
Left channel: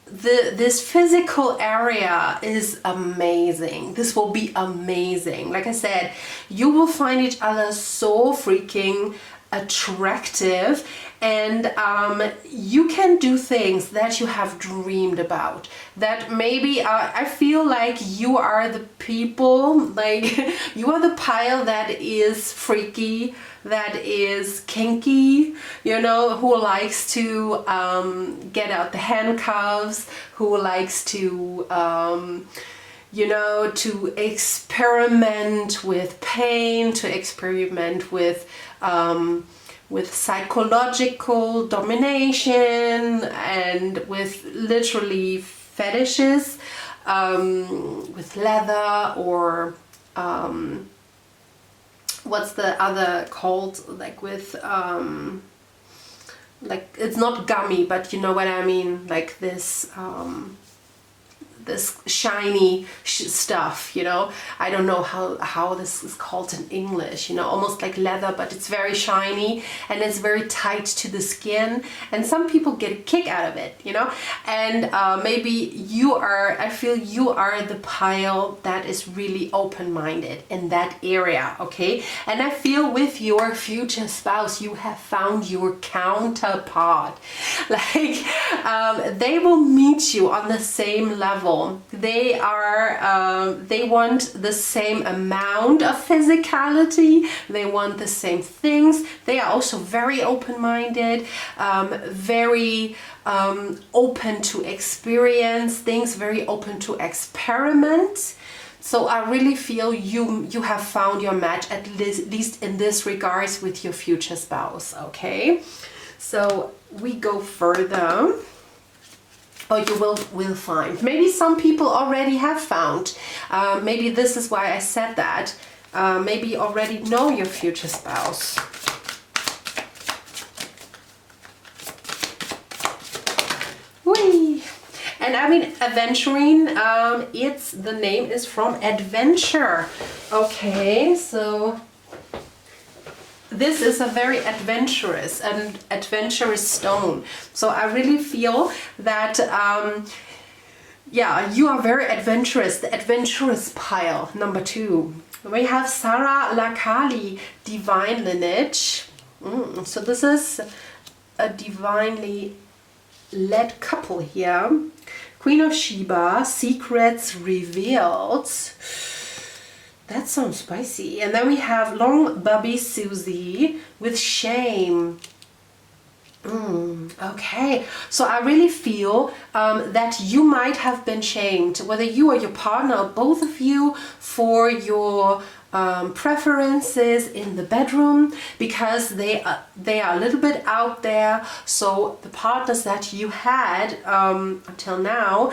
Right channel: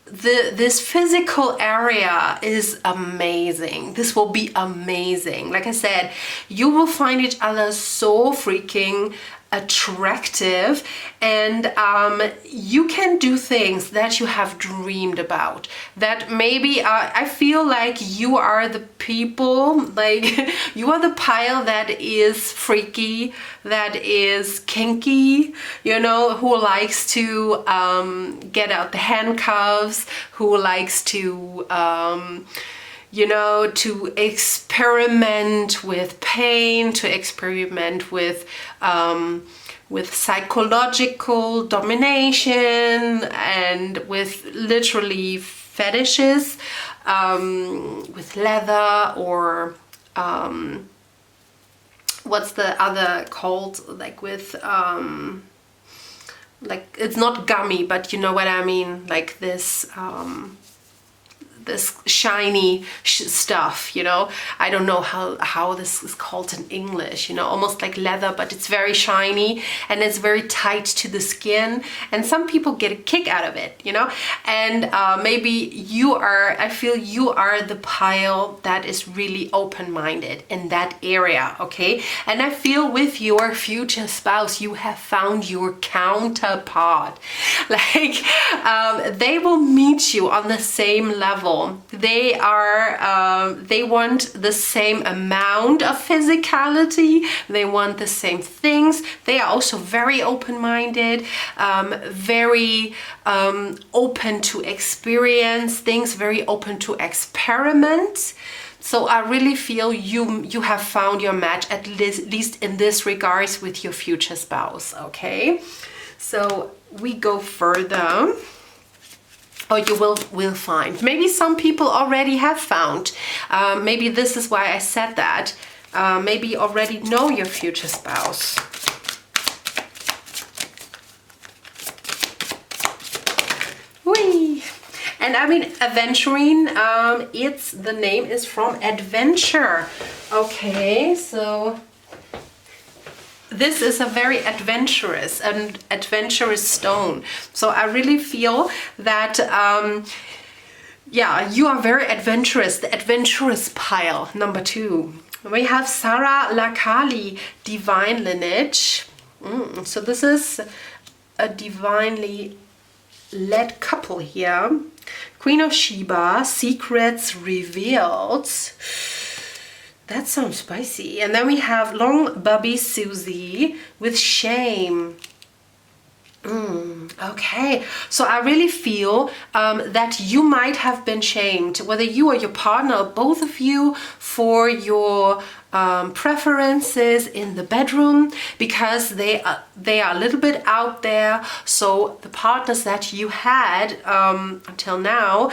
this physical area is amazing. This will be amazing. Like I said, you will find each other so freaking attractive, and you can do things that you have dreamed about, that maybe I feel like you are the people, like you are the pile that is freaky, that is kinky, you know, who likes to get out the handcuffs, who likes to you know, to experiment with pain, to experiment with psychological domination, and with literally fetishes, with leather, or what's the other called, like with like, it's not gummy, but you know what I mean, like this this shiny stuff, you know. I don't know how this is called in English, you know, almost like leather, but it's very shiny and it's very tight to the skin, and some people get a kick out of it, you know. And maybe you are, I feel you are the pile that is really open-minded in that area, okay. And I feel with your future spouse you have found your counterpart, like they will meet you on the same level. They are, they want the same amount of physicality. They want the same things. They are also very open-minded, very open to experience things, very open to experiment. So I really feel you have found your match, at least in this regards, with your future spouse, okay? So we go further. Or you will find. Maybe some people already have found. Maybe this is why I said that. Maybe you already know your future spouse. Whee! And I mean, adventuring, the name is from adventure. Okay, so this is a very adventurous stone. So I really feel that, yeah, you are very adventurous, the adventurous pile, number 2. We have Sarah Lakali, divine lineage. So this is a divinely led couple here. Queen of Sheba, secrets revealed. That sounds spicy. And then we have Long Bubby Susie with shame. Okay, so I really feel that you might have been shamed, whether you or your partner or both of you, for your preferences in the bedroom, because they are a little bit out there. So the partners that you had until now,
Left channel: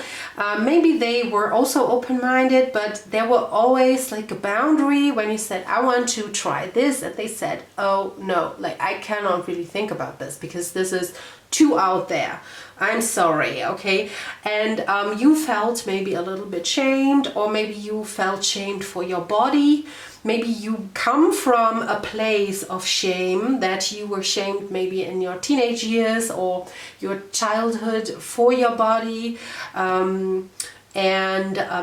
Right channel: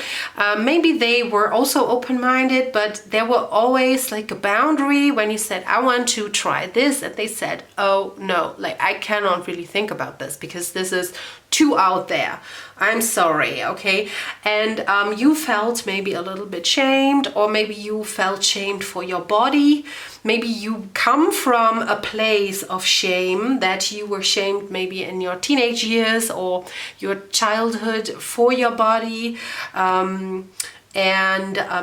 maybe they were also open-minded, but there were always like a boundary when you said, I want to try this, and they said, oh no, like I cannot really think about this because this is too out there. I'm sorry, okay? And you felt maybe a little bit shamed, or maybe you felt shamed for your body. Maybe you come from a place of shame, that you were shamed maybe in your teenage years or your childhood for your body. And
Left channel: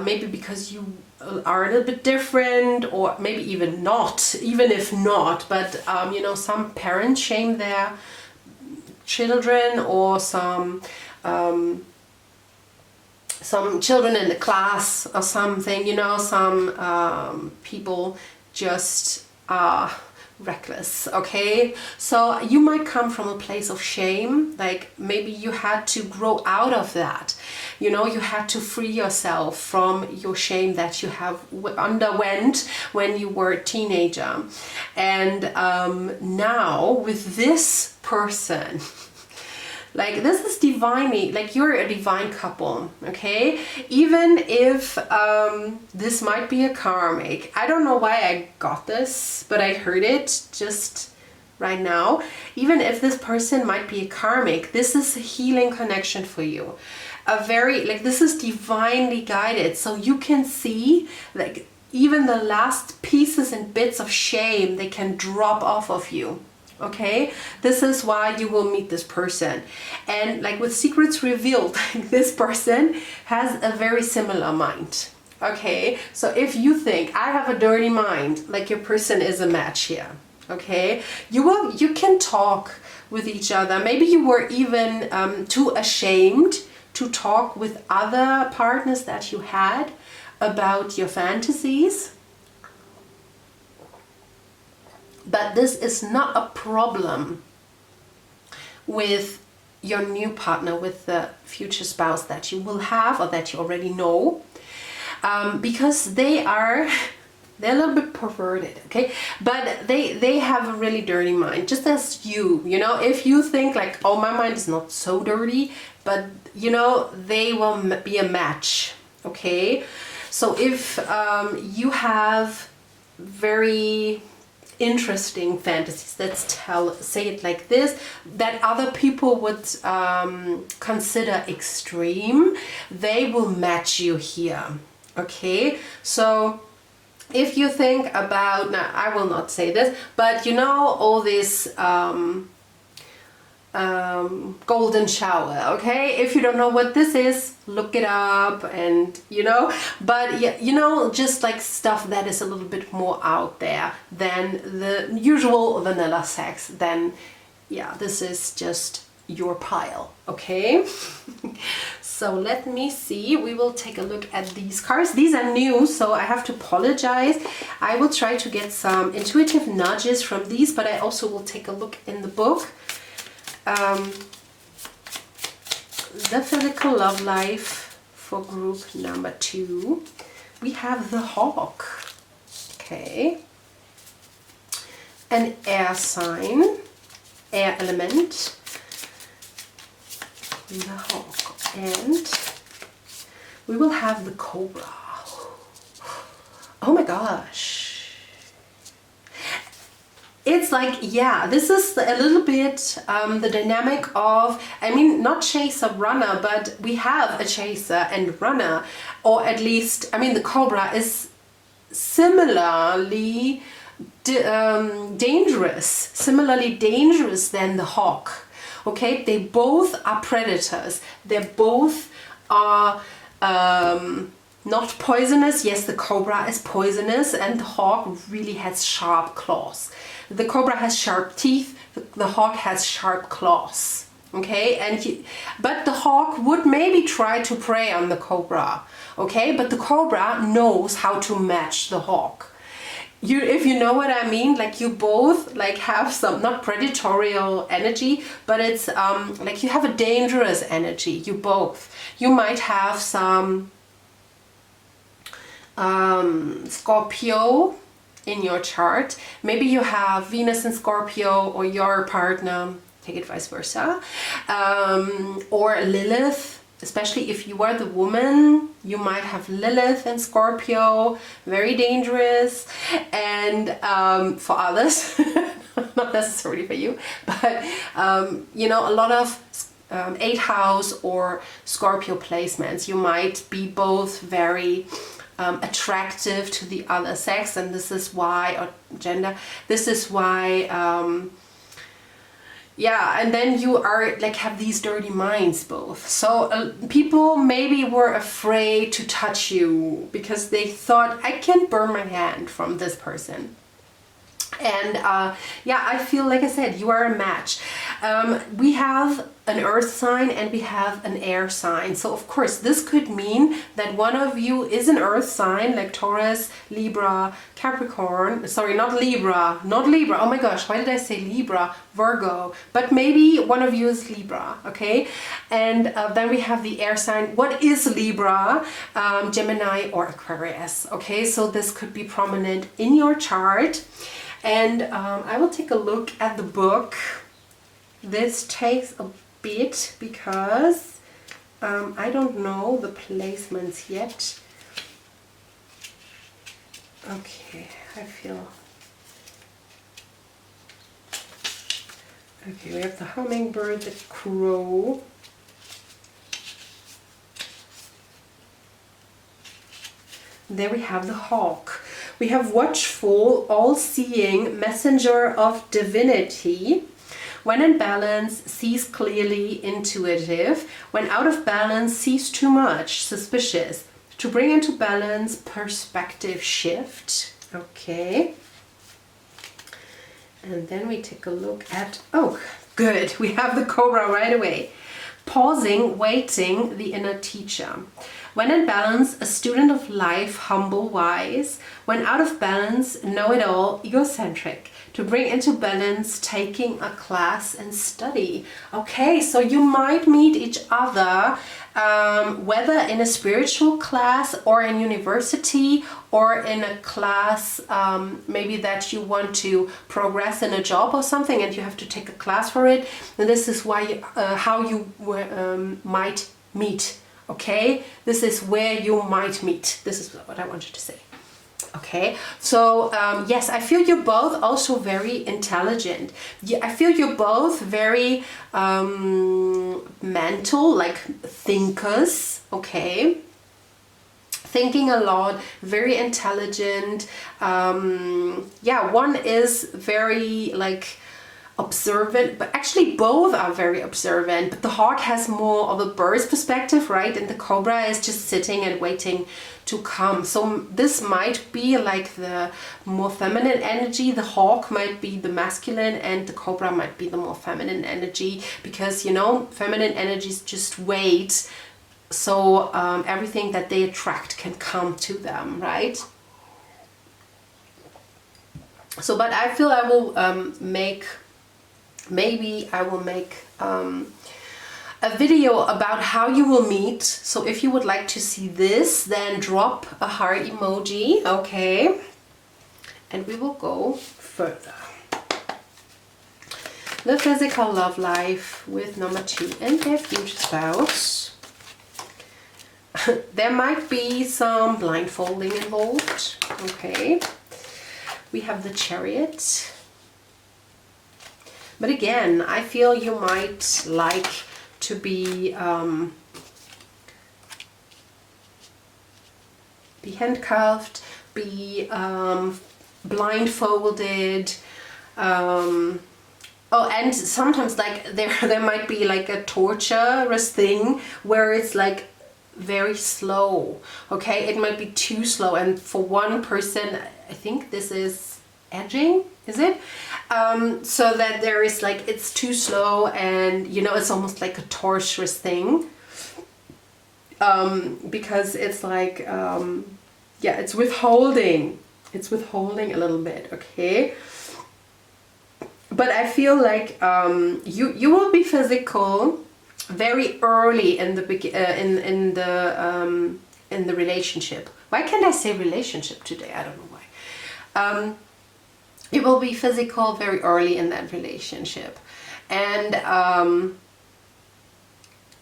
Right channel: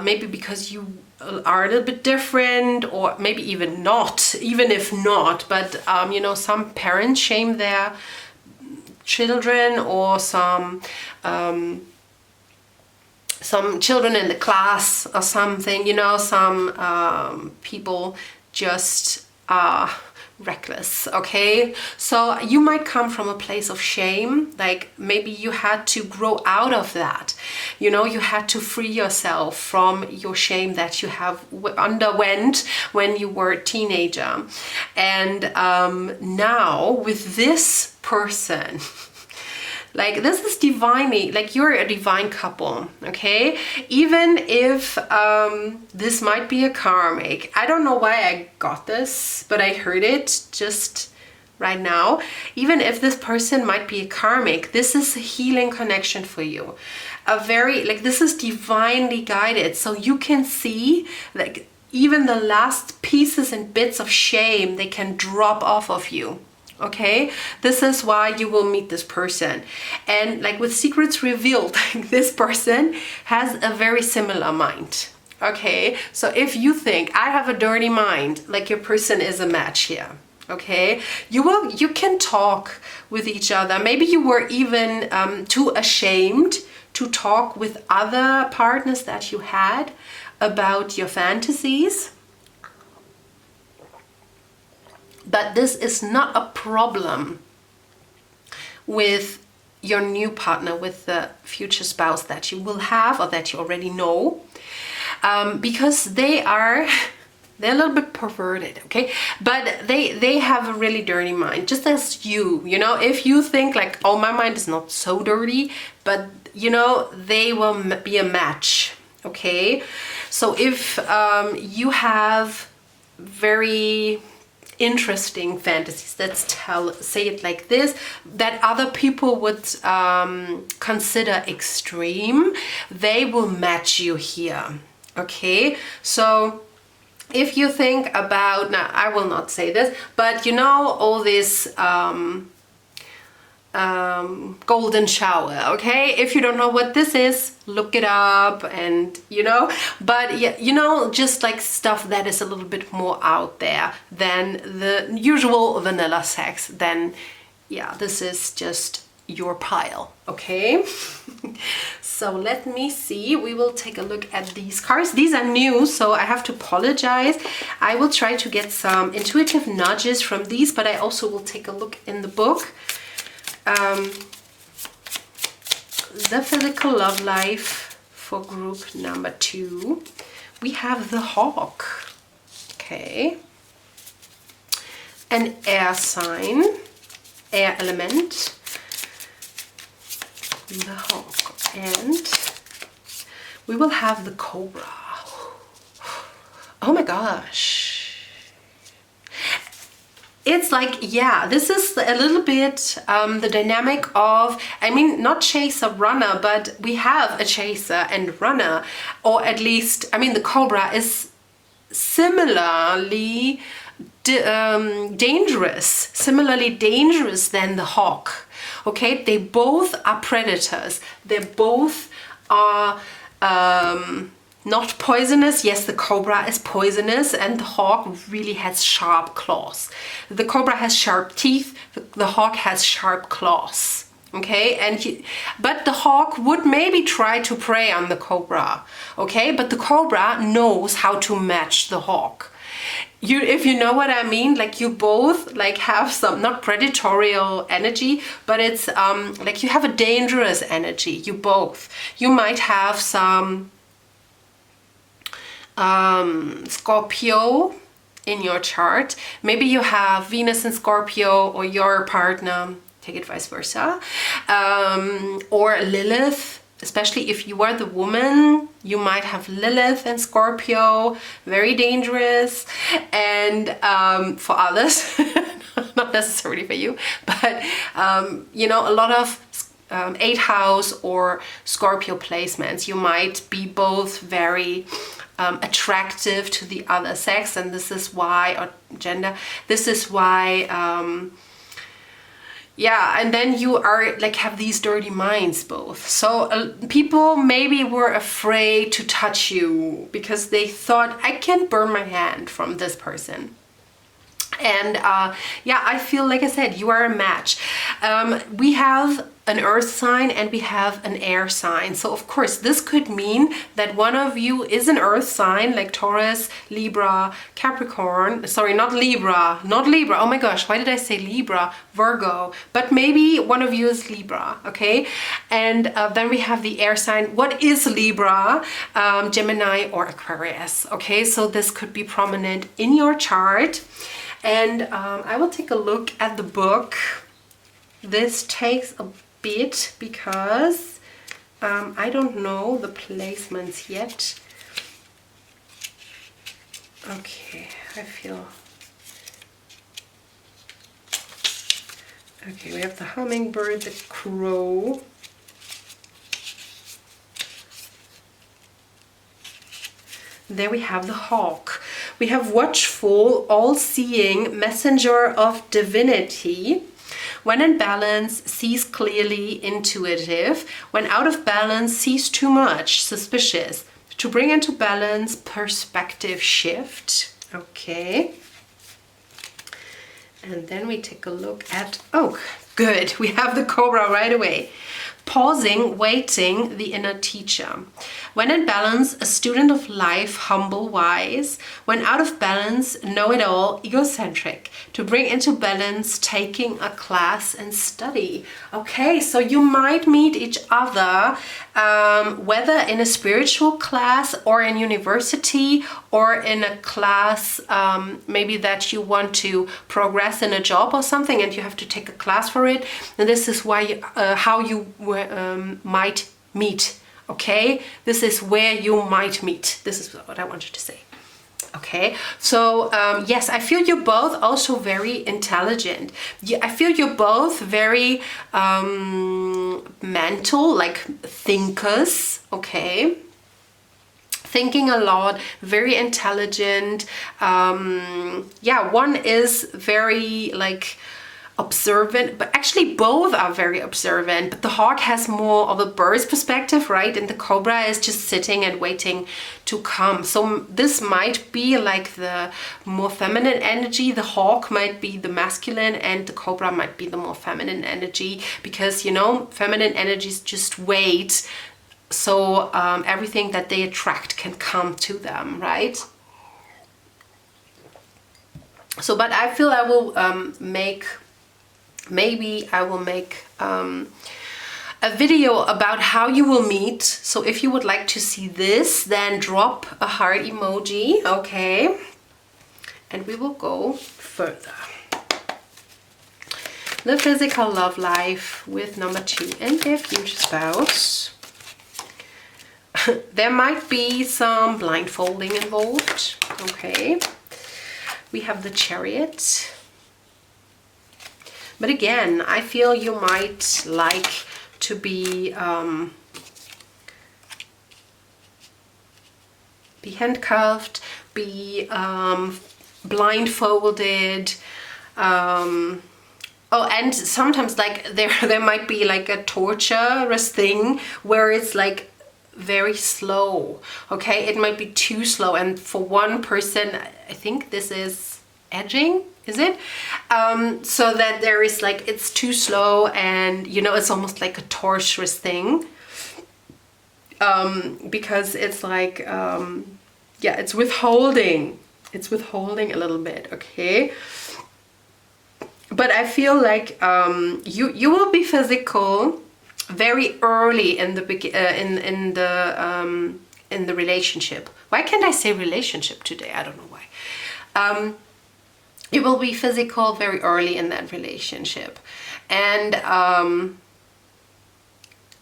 maybe because you are a little bit different, or maybe even not, even if not, but you know, some parents shame their children, or some children in the class or something, you know, some people just are reckless, okay? So you might come from a place of shame, like maybe you had to grow out of that, you know, you had to free yourself from your shame that you have underwent when you were a teenager. And now with this person, like this is divinely, like you're a divine couple, okay? Even if this might be a karmic, I don't know why I got this, but I heard it just right now. Even if this person might be a karmic, this is a healing connection for you. A very, like this is divinely guided. So you can see like even the last pieces and bits of shame, they can drop off of you. Okay, this is why you will meet this person. And like with secrets revealed, this person has a very similar mind. Okay, so if you think I have a dirty mind, like your person is a match here. Okay, you can talk with each other. Maybe you were even too ashamed to talk with other partners that you had about your fantasies. But this is not a problem with your new partner, with the future spouse that you will have or that you already know, because they're a little bit perverted, okay? But they have a really dirty mind, just as you know, if you think like, oh, my mind is not so dirty, but you know, they will be a match, okay? So if you have very interesting fantasies, let's say it like this, that other people would consider extreme, they will match you here, okay? So if you think about, now I will not say this, but you know, all this golden shower, okay? If you don't know what this is, look it up, and you know, but yeah, you know, just like stuff that is a little bit more out there than the usual vanilla sex, then yeah, this is just your pile, okay? So let me see, we will take a look at these cards. These are new, so I have to apologize. I will try to get some intuitive nudges from these, but I also will take a look in the book. The physical love life for group number 2. We have the hawk, okay, an air sign, air element, the hawk, and we will have the cobra. Oh my gosh. It's like, yeah, this is a little bit the dynamic of, I mean, not chaser, runner, but we have a chaser and runner, or at least, I mean, the cobra is similarly dangerous than the hawk, okay? They both are predators. They both are not poisonous. Yes, the cobra is poisonous, and the hawk really has sharp claws. The cobra has sharp teeth, the hawk has sharp claws, okay? But the hawk would maybe try to prey on the cobra, okay? But the cobra knows how to match the hawk. If you know what I mean, like you both like have some, not predatorial energy, but it's like you have a dangerous energy, you both. You might have some Scorpio in your chart. Maybe you have Venus in Scorpio, or your partner, take it vice versa, or Lilith. Especially if you are the woman, you might have Lilith and Scorpio, very dangerous. And for others, not necessarily for you, but you know, a lot of 8th house or Scorpio placements, you might be both very attractive to the other sex, and this is why, or gender, this is why yeah, and then you are like have these dirty minds both. So people maybe were afraid to touch you because they thought, I can burn my hand from this person. And yeah, I feel, like I said, you are a match. We have an earth sign and we have an air sign. So of course this could mean that one of you is an earth sign, like Taurus, Libra, Capricorn, sorry, not Libra, oh my gosh, why did I say Libra? Virgo, but maybe one of you is Libra, okay? And then we have the air sign. What is Libra? Gemini or Aquarius, okay? So this could be prominent in your chart. And I will take a look at the book. This takes a bit because I don't know the placements yet. Okay, I feel... Okay, we have the hummingbird, the crow. There we have the hawk. We have watchful, all-seeing, messenger of divinity. When in balance, sees clearly, intuitive. When out of balance, sees too much, suspicious. To bring into balance, perspective shift. Okay. And then we take a look at, oh, good, we have the cobra right away. Pausing, waiting, the inner teacher. When in balance, a student of life, humble, wise. When out of balance, know-it-all, egocentric. To bring into balance, taking a class and study. Okay, so you might meet each other, whether in a spiritual class or in university or in a class maybe that you want to progress in a job or something and you have to take a class for it. And this is why how you might meet. Okay, this is where you might meet. This is what I wanted to say. Okay, so yes, I feel you're both also very intelligent. I feel you're both very mental, like thinkers. Okay, thinking a lot, very intelligent. Yeah, one is very like observant, but actually both are very observant, but the hawk has more of a bird's perspective, right? And the cobra is just sitting and waiting to come. So this might be like the more feminine energy, the hawk might be the masculine, and the cobra might be the more feminine energy, because, you know, feminine energies just wait, so everything that they attract can come to them, right? So, but I feel I will maybe I will make a video about how you will meet. So if you would like to see this, then drop a heart emoji, okay? And we will go further. The physical love life with number 2 and their future spouse. There might be some blindfolding involved, okay? We have the Chariot. But again, I feel you might like to be handcuffed, be blindfolded. Oh, and sometimes like there might be like a torturous thing where it's like very slow. Okay, it might be too slow, and for one person, I think this is edging, is it? So that there is like, it's too slow, and you know, it's almost like a torturous thing. Because it's like, yeah, it's withholding. It's withholding a little bit, okay? But I feel like you will be physical very early in the in the relationship. Why can't I say relationship today? I don't know why. You will be physical very early in that relationship, and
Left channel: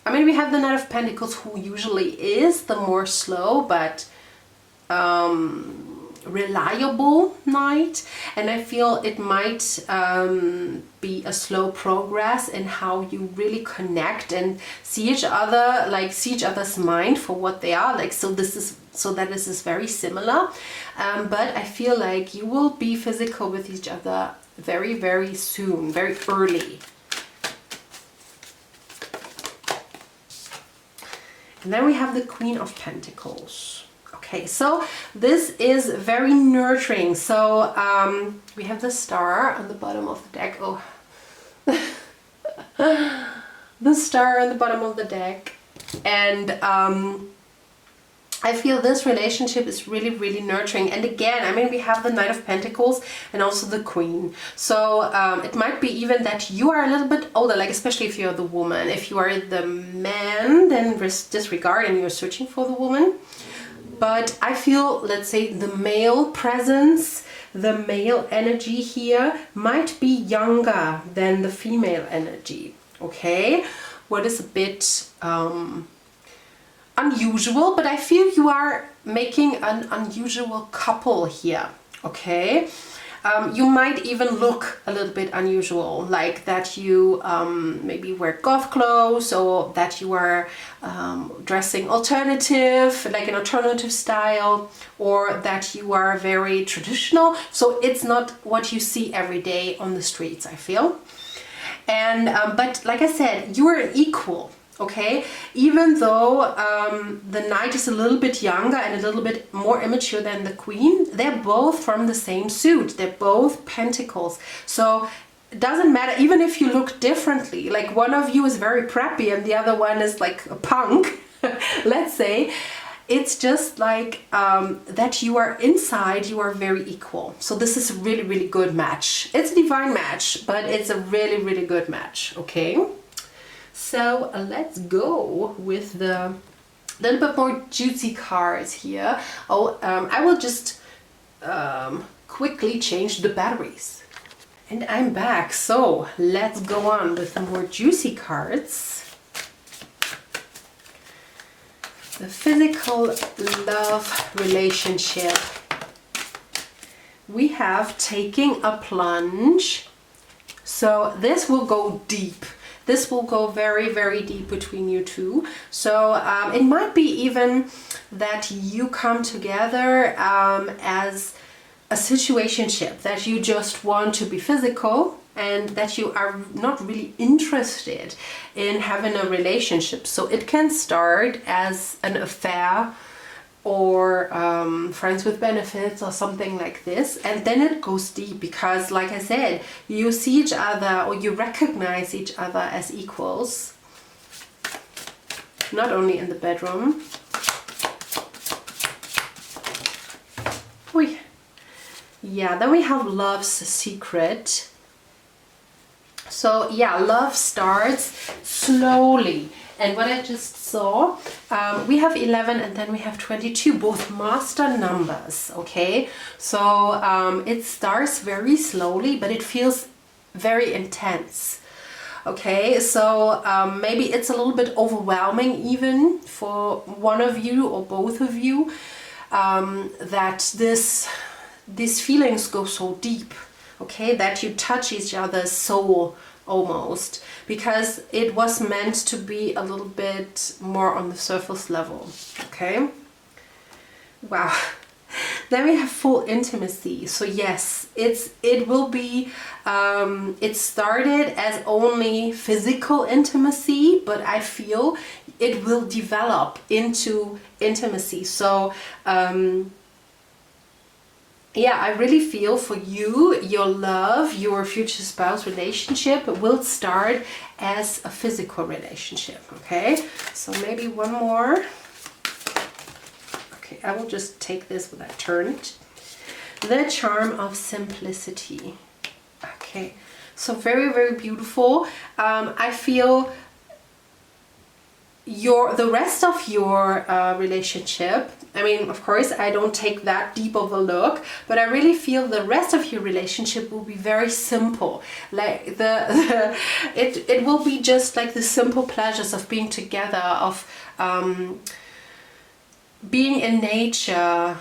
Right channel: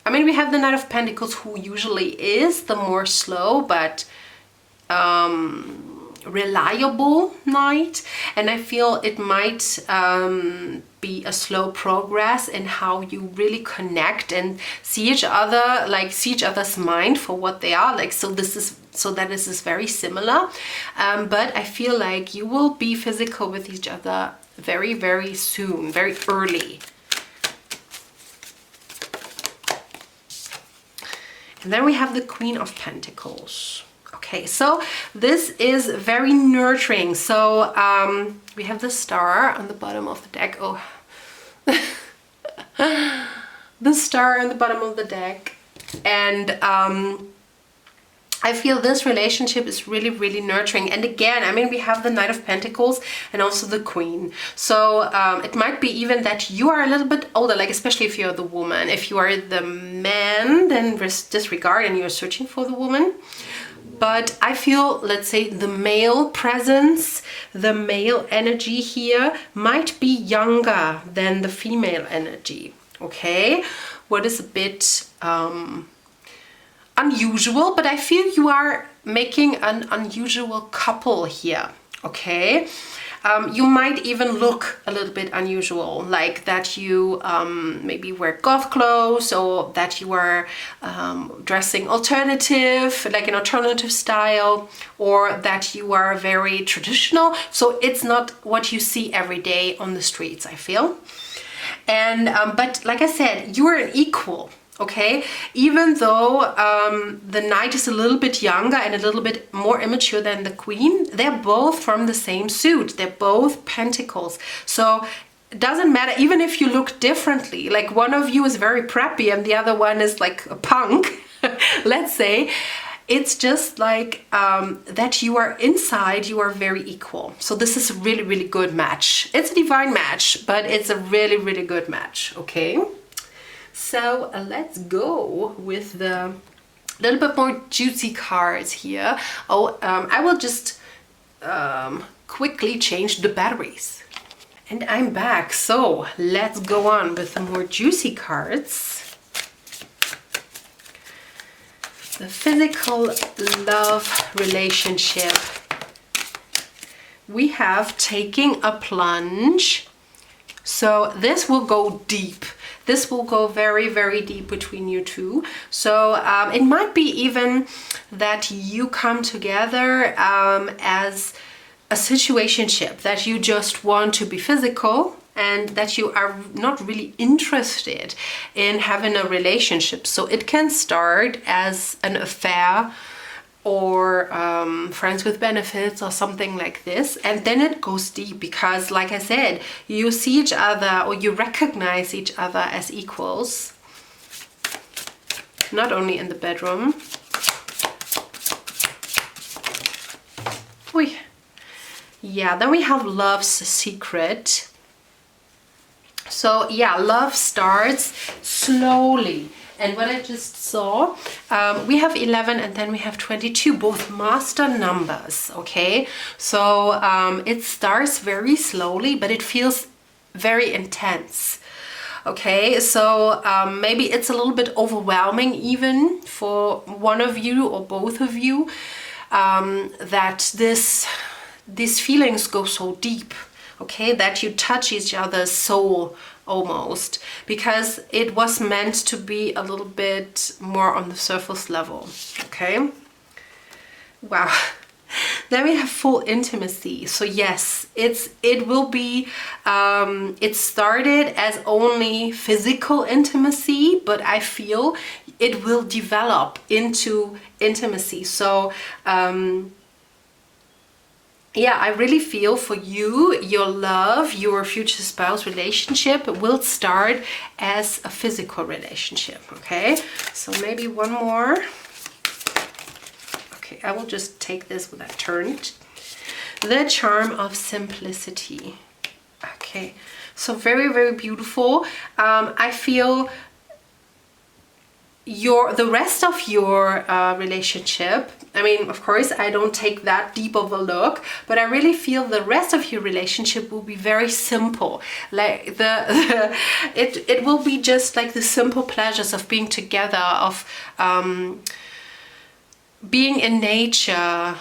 I mean, we have the Knight of Pentacles, who usually is the more slow but reliable knight, and I feel it might be a slow progress in how you really connect and see each other, like see each other's mind for what they are, like, so this is very similar, but I feel like you will be physical with each other very, very soon, very early. And then we have the Queen of Pentacles. Okay, so this is very nurturing. So we have the Star on the bottom of the deck. Oh, the Star on the bottom of the deck. And I feel this relationship is really, really nurturing. And again, I mean, we have the Knight of Pentacles and also the Queen. So it might be even that you are a little bit older, like especially if you're the woman. If you are the man, then disregard and you're searching for the woman. But I feel, let's say, the male presence, the male energy here might be younger than the female energy, okay? What is a bit unusual, but I feel you are making an unusual couple here, okay? You might even look a little bit unusual, like that you maybe wear goth clothes, or that you are dressing alternative, like an alternative style, or that you are very traditional. So it's not what you see every day on the streets, I feel. And but like I said, you are an equal. Okay, even though the Knight is a little bit younger and a little bit more immature than the Queen, they're both from the same suit. They're both Pentacles. So it doesn't matter, even if you look differently, like one of you is very preppy and the other one is like a punk, let's say. It's just like that you are inside, you are very equal. So this is a really, really good match. It's a divine match, but it's a really, really good match, okay? So let's go with the little bit more juicy cards here. Oh, I will just quickly change the batteries. And I'm back. So let's go on with the more juicy cards. The physical love relationship. We have taking a plunge. So this will go deep. This will go very, very deep between you two. So it might be even that you come together as a situationship, that you just want to be physical and that you are not really interested in having a relationship. So it can start as an affair, or friends with benefits, or something like this, and then it goes deep because, like I said, you see each other, or you recognize each other as equals, not only in the bedroom. Oy. Yeah, then we have love's secret. So yeah, love starts slowly. And what I just saw, we have 11 and then we have 22, both master numbers, okay? So it starts very slowly, but it feels very intense, okay? So maybe it's a little bit overwhelming even for one of you or both of you, that these feelings go so deep, okay? That you touch each other's soul almost, because it was meant to be a little bit more on the surface level, okay? Wow. Then we have full intimacy. So yes, it will be it started as only physical intimacy, but I feel it will develop into intimacy. So yeah, I really feel for you, your love, your future spouse relationship will start as a physical relationship, okay? So maybe one more. Okay, I will just take this with that turned. The charm of simplicity. Okay, so very, very beautiful. I feel the rest of your relationship, I mean, of course, I don't take that deep of a look, but I really feel the rest of your relationship will be very simple. Like it will be just like the simple pleasures of being together, of being in nature,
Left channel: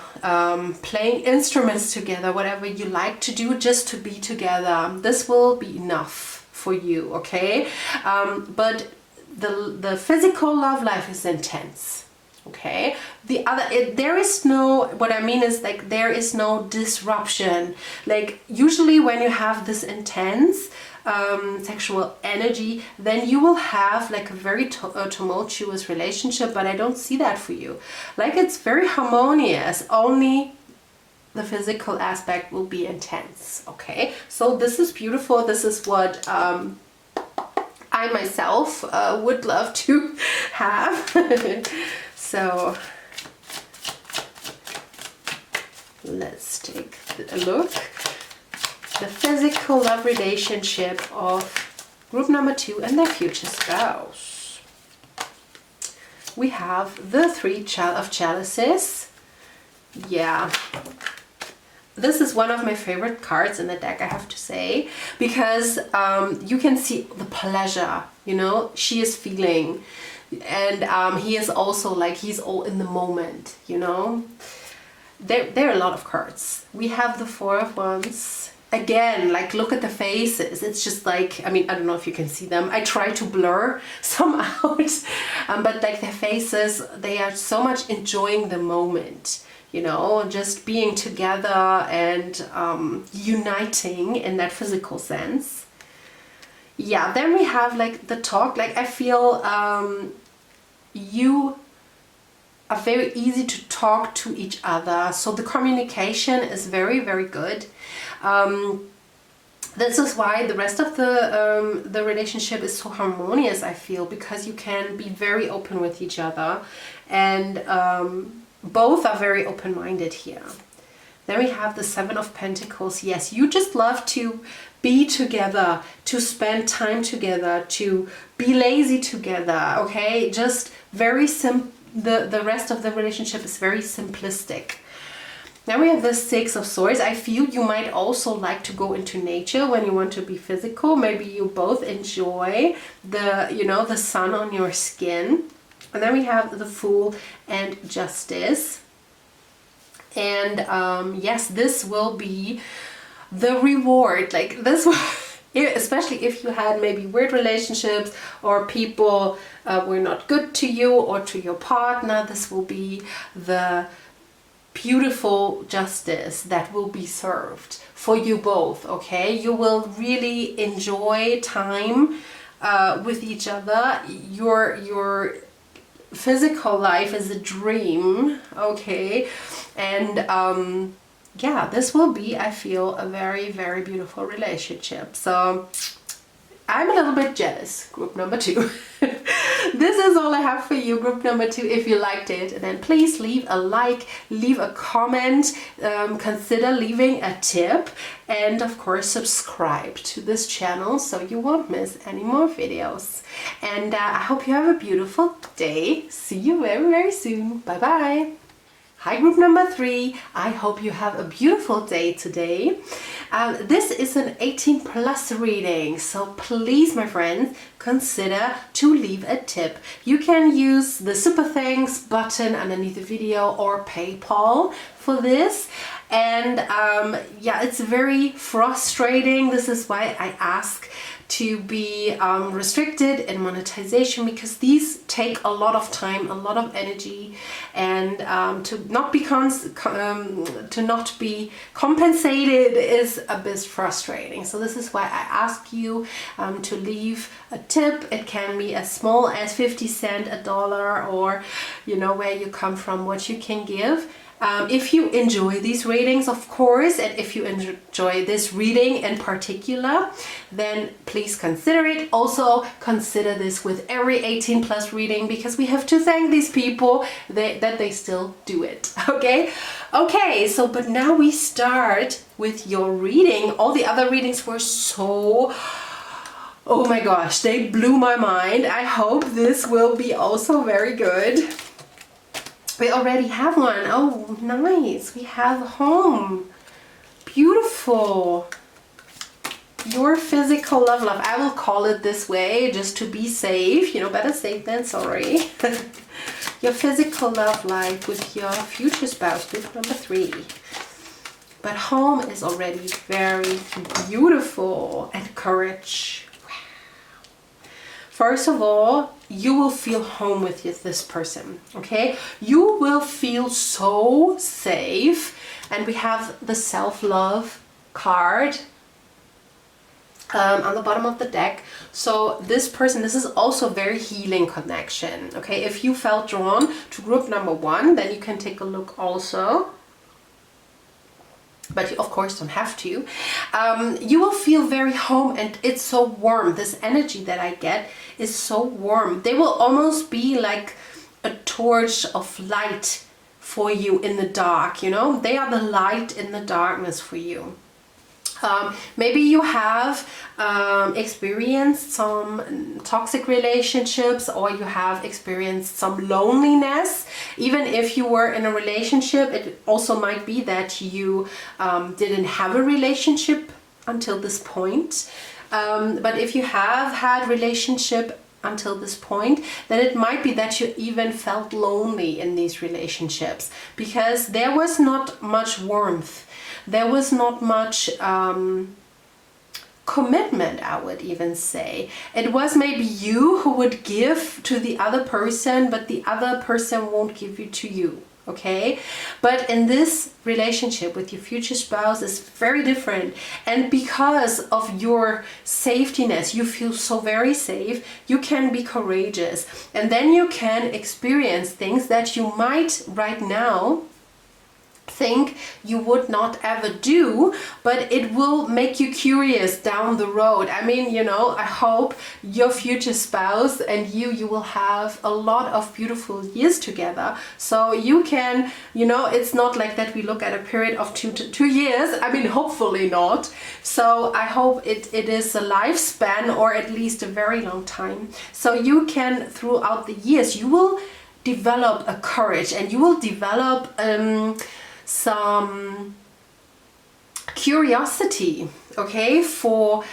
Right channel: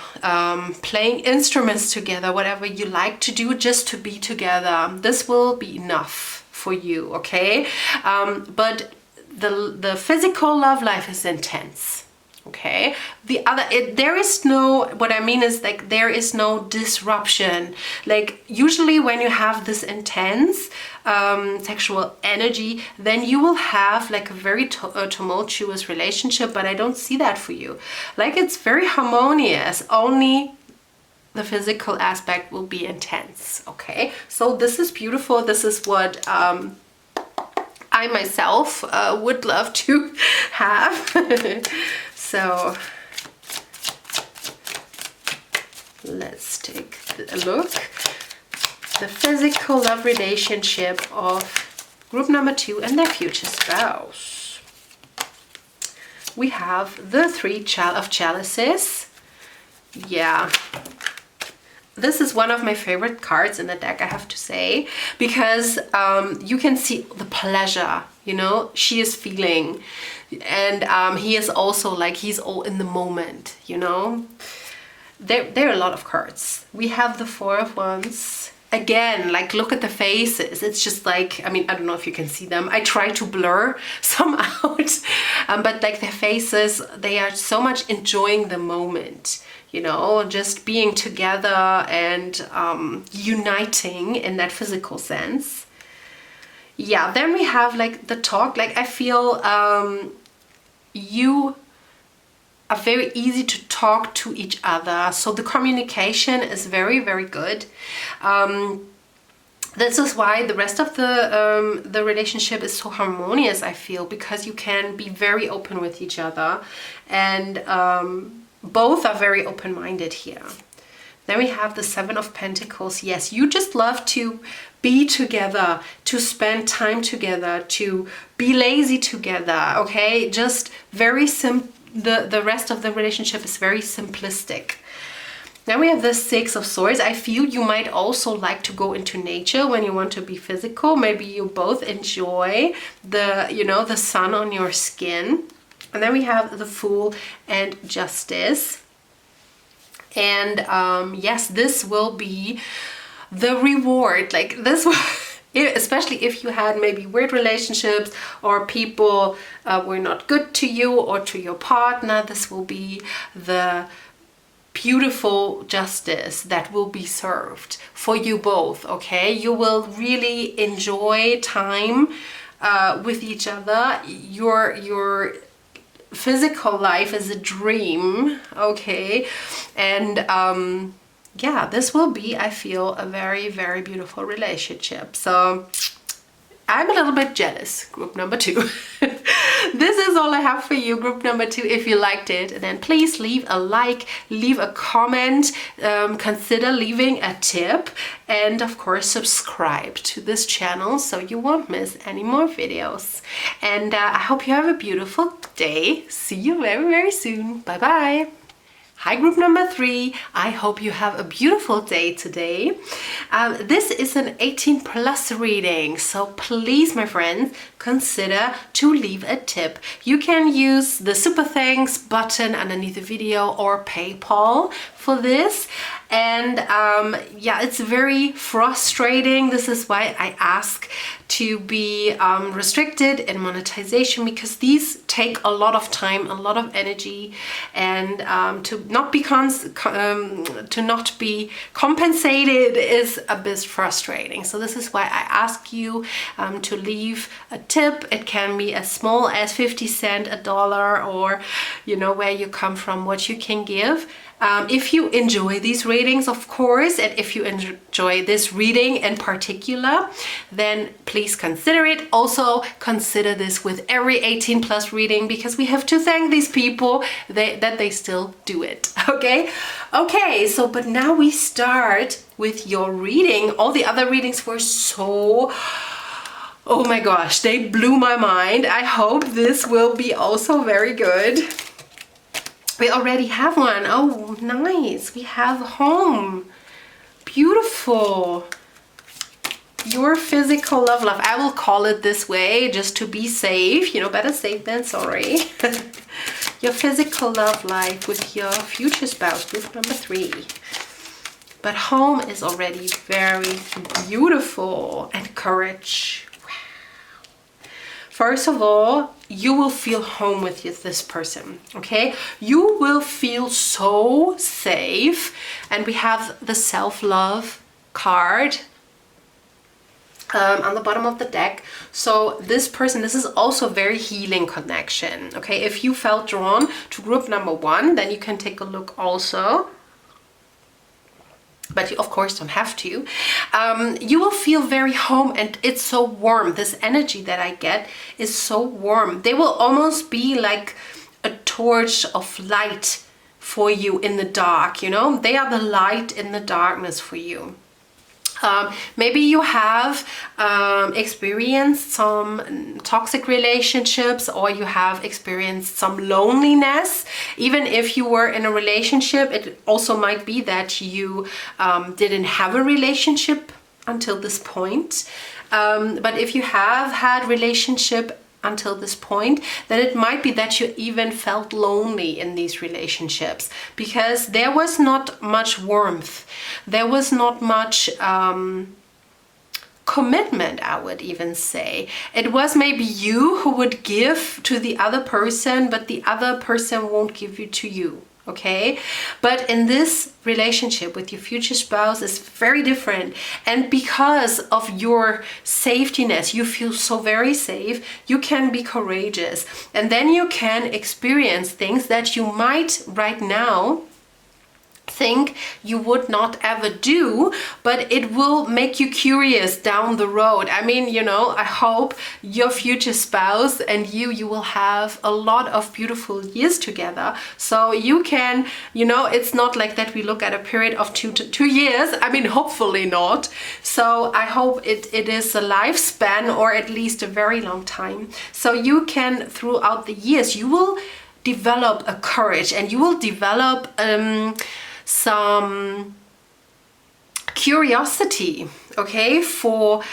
playing instruments together, whatever you like to do, just to be together. This will be enough for you, okay? But the physical love life is intense, okay? There is no, what I mean is like there is no disruption. Like usually when you have this intense sexual energy, then you will have like a very tumultuous relationship, but I don't see that for you. Like it's very harmonious, only the physical aspect will be intense, okay? So this is beautiful. This is what I myself would love to have. So let's take a look. The physical love relationship of group number 2 and their future spouse. We have the 3 of chalices. Yeah. This is one of my favorite cards in the deck, I have to say, because you can see the pleasure, you know, she is feeling. And he is also like, he's all in the moment, you know. There are a lot of cards. We have the 4 of Wands. Again, like look at the faces. It's just like, I mean, I don't know if you can see them. I try to blur some out. But like their faces, they are so much enjoying the moment. You know, just being together and uniting in that physical sense. Yeah, then we have like the talk. Like I feel you are very easy to talk to each other. So the communication is very, very good. This is why the rest of the relationship is so harmonious, I feel, because you can be very open with each other, and both are very open-minded here. Then we have the 7 of Pentacles. Yes, you just love to be together, to spend time together, to be lazy together, okay? Just very the rest of the relationship is very simplistic. Then we have the 6 of Swords. I feel you might also like to go into nature when you want to be physical. Maybe you both enjoy the, you know, the sun on your skin. And then we have the Fool and Justice. And yes, this will be the reward. Like this, especially if you had maybe weird relationships or people were not good to you or to your partner, this will be the beautiful justice that will be served for you both, okay? You will really enjoy time with each other. Your physical life is a dream, okay? And yeah, this will be, I feel, a very, very beautiful relationship. So I'm a little bit jealous, group number 2. This is all I have for you, group number 2. If you liked it, then please leave a like, leave a comment, consider leaving a tip, and of course subscribe to this channel so you won't miss any more videos. And I hope you have a beautiful day. See you very, very soon. Bye bye. Hi, group number 3. I hope you have a beautiful day today. This is an 18+ reading, so please, my friends, consider to leave a tip. You can use the super thanks button underneath the video or PayPal for this. And yeah, it's very frustrating. This is why I ask to be restricted in monetization, because these take a lot of time, a lot of energy, and to not be compensated is a bit frustrating. So this is why I ask you to leave a tip. It can be as small as 50 cents, $1, or you know where you come from, what you can give. If you enjoy these readings, of course, and if you enjoy this reading in particular, then please consider it. Also consider this with every 18 plus reading, because we have to thank these people that they still do it. Okay, so but now we start with your reading. All the other readings were so, oh my gosh, they blew my mind. I hope this will be also very good. We already have one. Oh, nice. We have home. Beautiful. Your physical love life. I will call it this way just to be safe. You know, better safe than sorry. Your physical love life with your future spouse, group number 3. But home is already very beautiful. And courage. First of all, you will feel home with this person, okay? You will feel so safe. And we have the self-love card on the bottom of the deck. So this person, this is also a very healing connection, okay? If you felt drawn to group number 1, then you can take a look also. But you of course don't have to. You will feel very home, and it's so warm. This energy that I get is so warm. They will almost be like a torch of light for you in the dark, you know? They are the light in the darkness for you. Maybe you have experienced some toxic relationships, or you have experienced some loneliness. Even if you were in a relationship, it also might be that you didn't have a relationship until this point. But if you have had relationship until this point, then it might be that you even felt lonely in these relationships, because there was not much warmth. There was not much commitment, I would even say. It was maybe you who would give to the other person, but the other person won't give you to you. Okay, but in this relationship with your future spouse is very different, and because of your safetiness, you feel so very safe. You can be courageous, and then you can experience things that you might right now think you would not ever do, but it will make you curious down the road. I mean, you know, I hope your future spouse and you will have a lot of beautiful years together. So you can, you know, it's not like that we look at a period of 2 years. I mean, hopefully not. So I hope it is a lifespan, or at least a very long time. So you can, throughout the years, you will develop a courage, and you will develop some curiosity, okay, for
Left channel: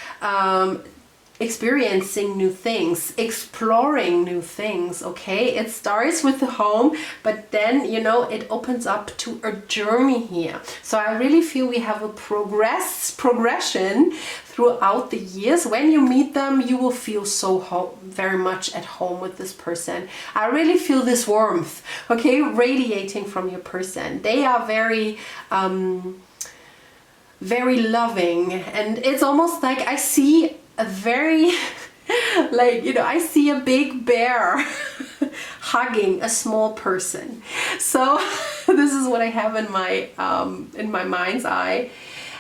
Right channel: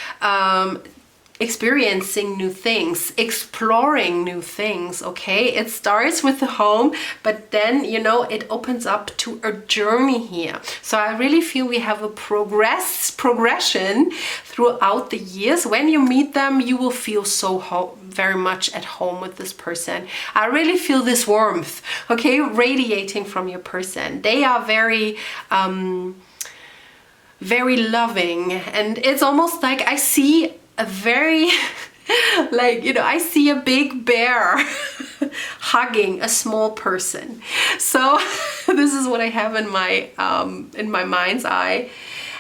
experiencing new things, exploring new things, okay? It starts with the home, but then, you know, it opens up to a journey here. So I really feel we have a progression throughout the years. When you meet them, you will feel so very much at home with this person. I really feel this warmth, okay, radiating from your person. They are very very loving, and it's almost like I see a very like, you know, I see a big bear hugging a small person. So this is what I have in my mind's eye.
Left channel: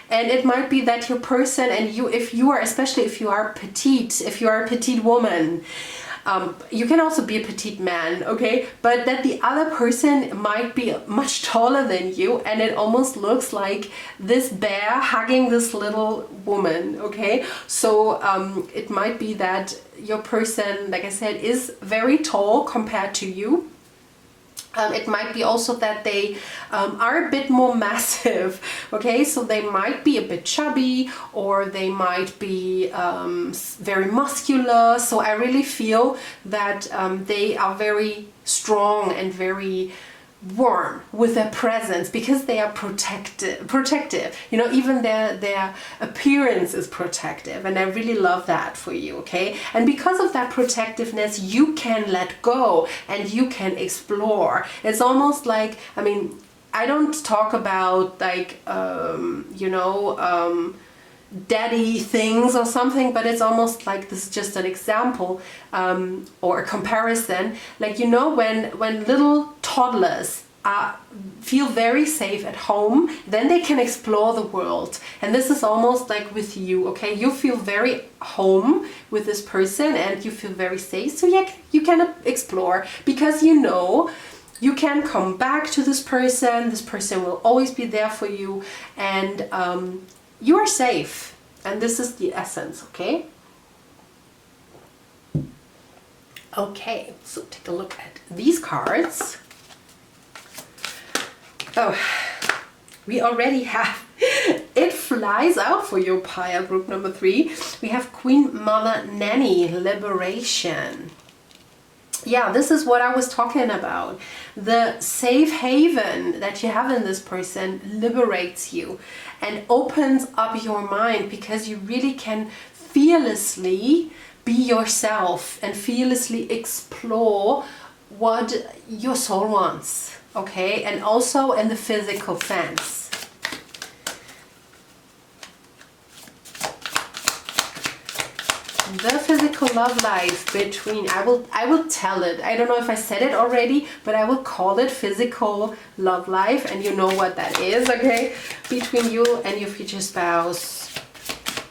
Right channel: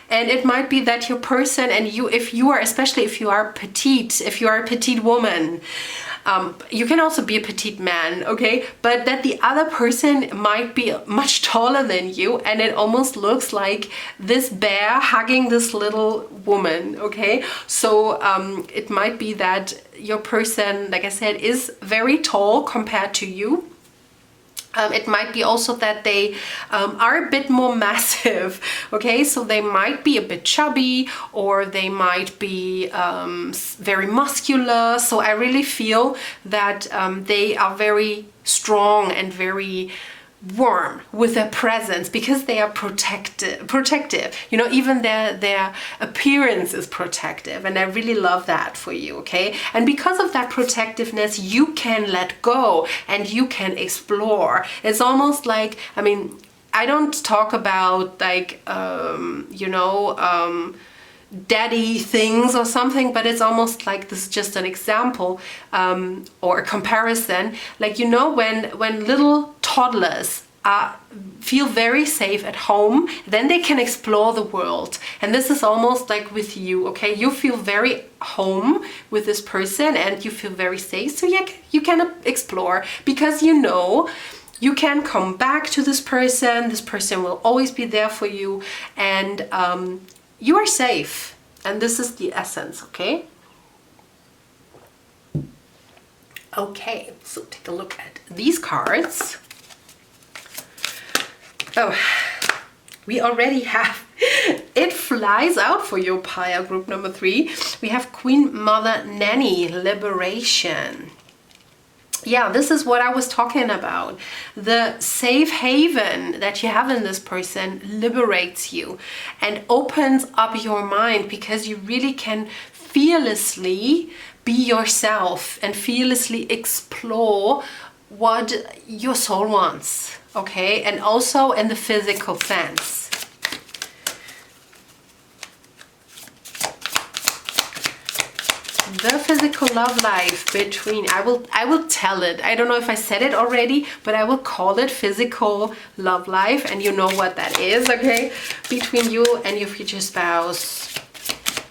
And it might be that your person and you, if you are, especially if you are petite, if you are a petite woman, you can also be a petite man, okay? But that the other person might be much taller than you, and it almost looks like this bear hugging this little woman, okay? So it might be that your person, like I said, is very tall compared to you. It might be also that they are a bit more massive, okay? So they might be a bit chubby, or they might be very muscular. So I really feel that they are very strong and very warm with their presence, because they are protective. You know, even their appearance is protective, and I really love that for you, okay? And because of that protectiveness, you can let go and you can explore. It's almost like, I mean, I don't talk about like you know, daddy things or something, but it's almost like this is just an example or a comparison. Like, you know, when little toddlers feel very safe at home, then they can explore the world. And this is almost like with you, okay? You feel very home with this person and you feel very safe, so you can explore, because you know you can come back to this person will always be there for you, and you are safe. And this is the essence, okay? Okay, so take a look at these cards. Oh, we already have, it flies out for your Pile group number 3. We have Queen Mother Nanny, Liberation. Yeah, this is what I was talking about. The safe haven that you have in this person liberates you and opens up your mind, because you really can fearlessly be yourself and fearlessly explore what your soul wants. Okay, and also in the physical sense. The physical love life between, I will tell it. I don't know if I said it already, but I will call it physical love life, and you know what that is, okay? Between you and your future spouse.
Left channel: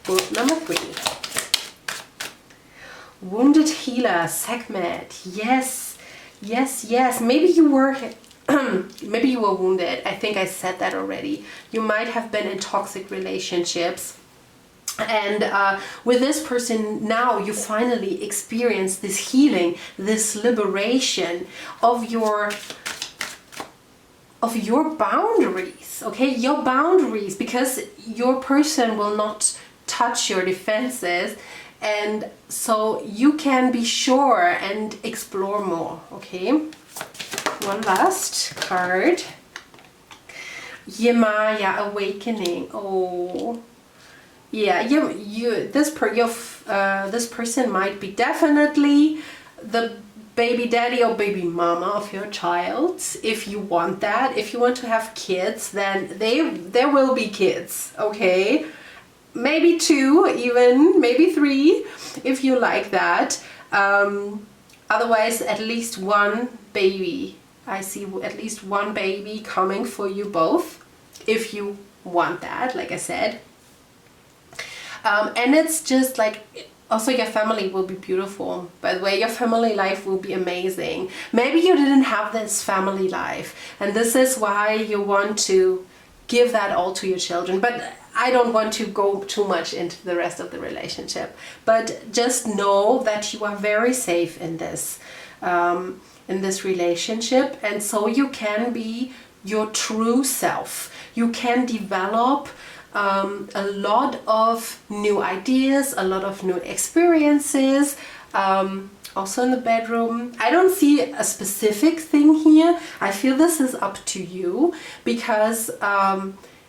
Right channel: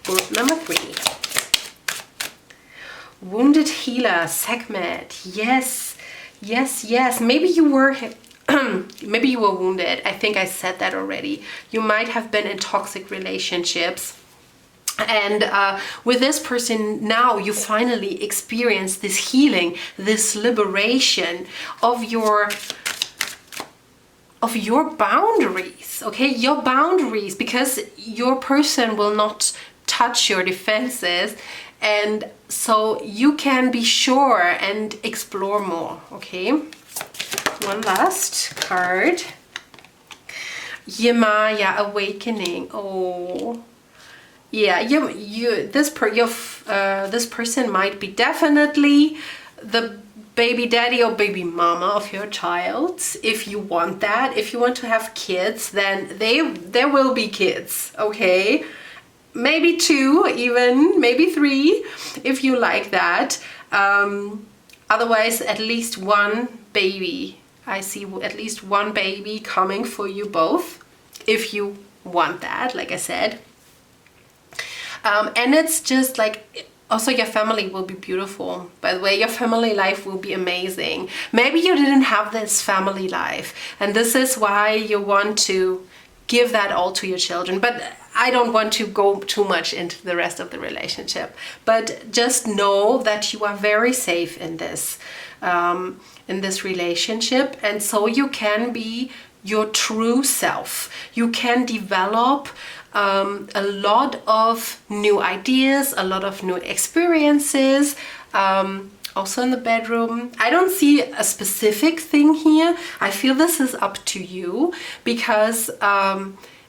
Group number 3. Wounded Healer, Sekhmet. Yes, yes, yes. Maybe you were maybe you were wounded. I think I said that already. You might have been in toxic relationships, and with this person now you finally experience this healing, this liberation of your boundaries, okay? Your boundaries, because your person will not touch your defenses, and so you can be sure and explore more, okay? One last card. 𝐥𝐢𝐟𝐞, Awakening. Oh, yeah. This person might be definitely the baby daddy or baby mama of your child. If you want that, if you want to have kids, then there will be kids. Okay, maybe 2, even maybe 3, if you like that. Otherwise, at least 1 baby. I see at least 1 baby coming for you both, if you want that, like I said. And it's just like, also your family will be beautiful. By the way, your family life will be amazing. Maybe you didn't have this family life, and this is why you want to give that all to your children. But I don't want to go too much into the rest of the relationship. But just know that you are very safe in this relationship, and so you can be your true self. You can develop a lot of new ideas, a lot of new experiences, also in the bedroom. I don't see a specific thing here. I feel this is up to you, because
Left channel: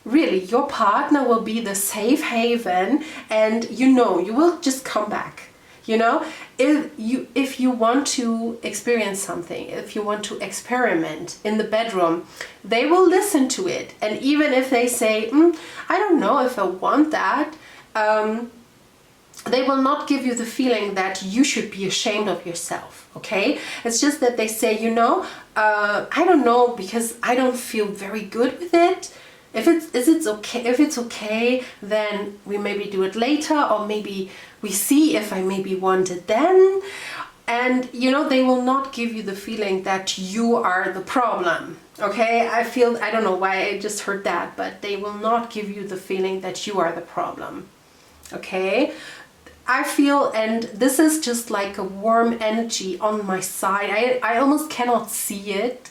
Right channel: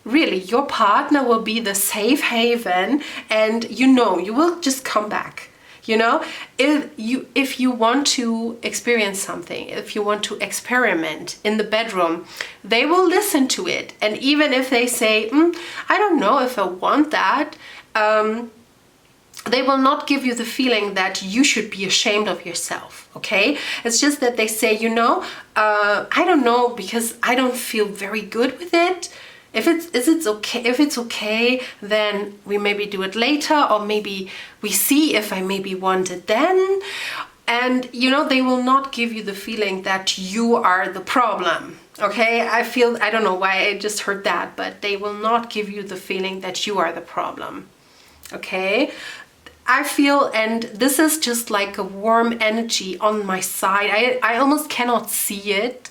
really your partner will be the safe haven, and you know you will just come back. You know, if you want to experience something, if you want to experiment in the bedroom, they will listen to it. And even if they say, I don't know if I want that, they will not give you the feeling that you should be ashamed of yourself, okay? It's just that they say, you know, I don't know, because I don't feel very good with it. If it's okay, then we maybe do it later, or maybe we see if I maybe want it then. And you know, they will not give you the feeling that you are the problem. Okay, I don't know why I just heard that, but they will not give you the feeling that you are the problem. Okay, I feel, and this is just like a warm energy on my side. I almost cannot see it.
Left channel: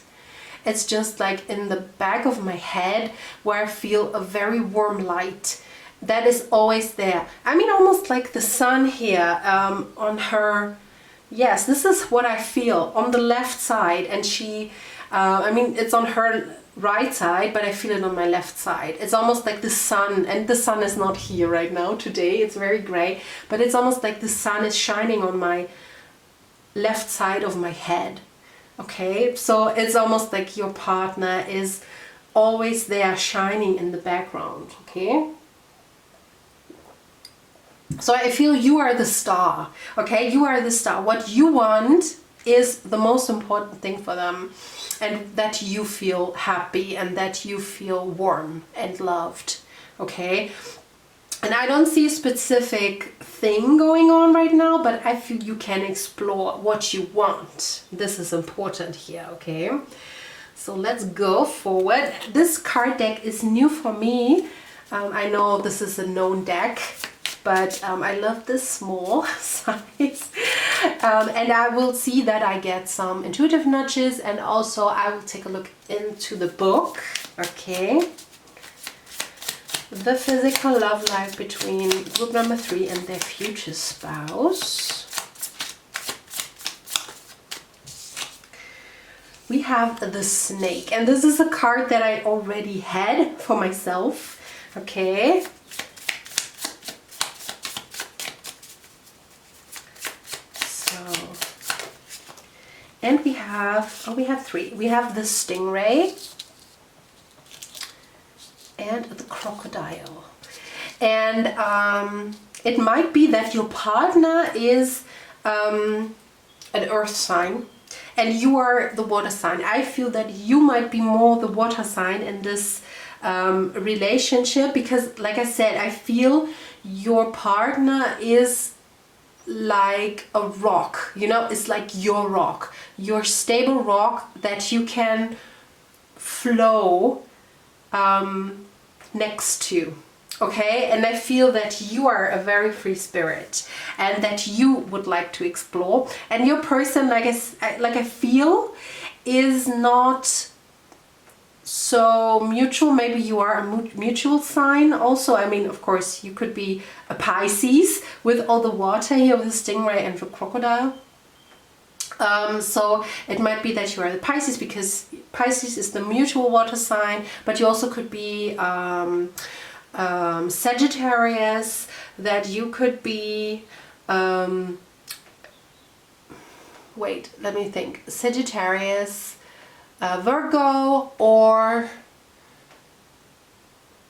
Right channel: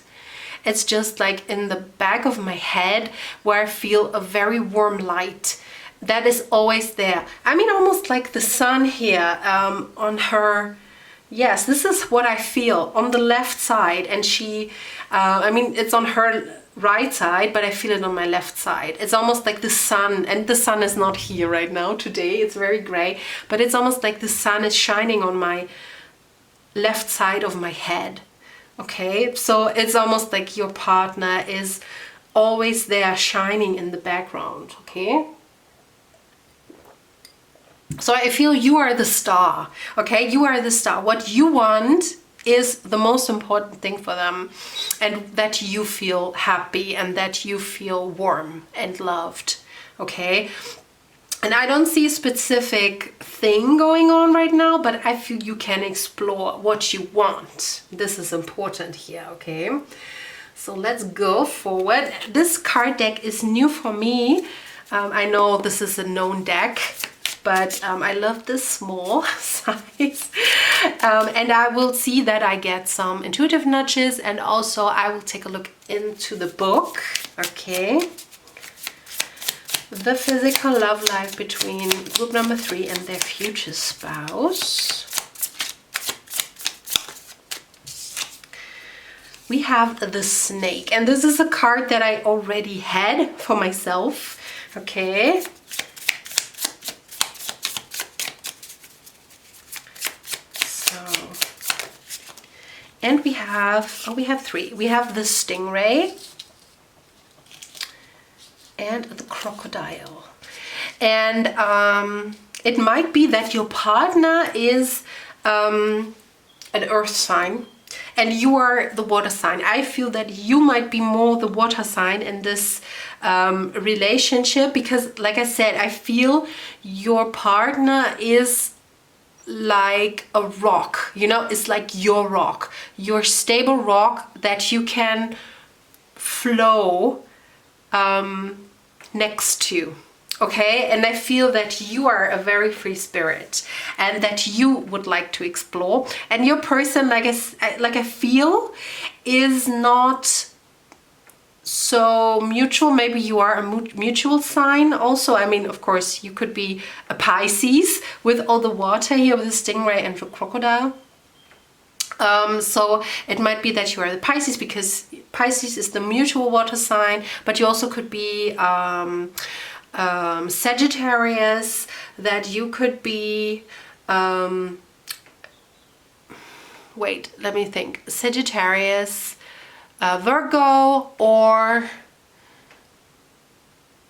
It's just like in the back of my head, where I feel a very warm light that is always there. I mean, almost like the sun here on her. Yes, this is what I feel on the left side, and she, I mean, it's on her right side, but I feel it on my left side. It's almost like the sun, and the sun is not here right now today, it's very gray, but it's almost like the sun is shining on my left side of my head. Okay, so it's almost like your partner is always there shining in the background, okay? So I feel you are the star, okay? You are the star. What you want is the most important thing for them, and that you feel happy and that you feel warm and loved. Okay, and I don't see a specific thing going on right now, but I feel you can explore what you want. This is important here. Okay, so let's go forward. This card deck is new for me. I know this is a known deck, but I love this small size. And I will see that I get some intuitive nudges, and also I will take a look into the book. Okay. The physical love life between group number 3 and their future spouse. We have the snake, and this is a card that I already had for myself. Okay. So, and we have 3. We have the stingray and the crocodile. And it might be that your partner is an earth sign and you are the water sign. I feel that you might be more the water sign in this relationship, because like I said, I feel your partner is like a rock, you know, it's like your rock, your stable rock that you can flow next to. Okay, and I feel that you are a very free spirit and that you would like to explore, and your person, like I feel, is not so mutual. Maybe you are a mutual sign also. I mean, of course, you could be a Pisces with all the water here with the stingray and the crocodile. So it might be that you are the Pisces, because Pisces is the mutual water sign, but you also could be Sagittarius, that you could be, wait, let me think, Sagittarius, Virgo, or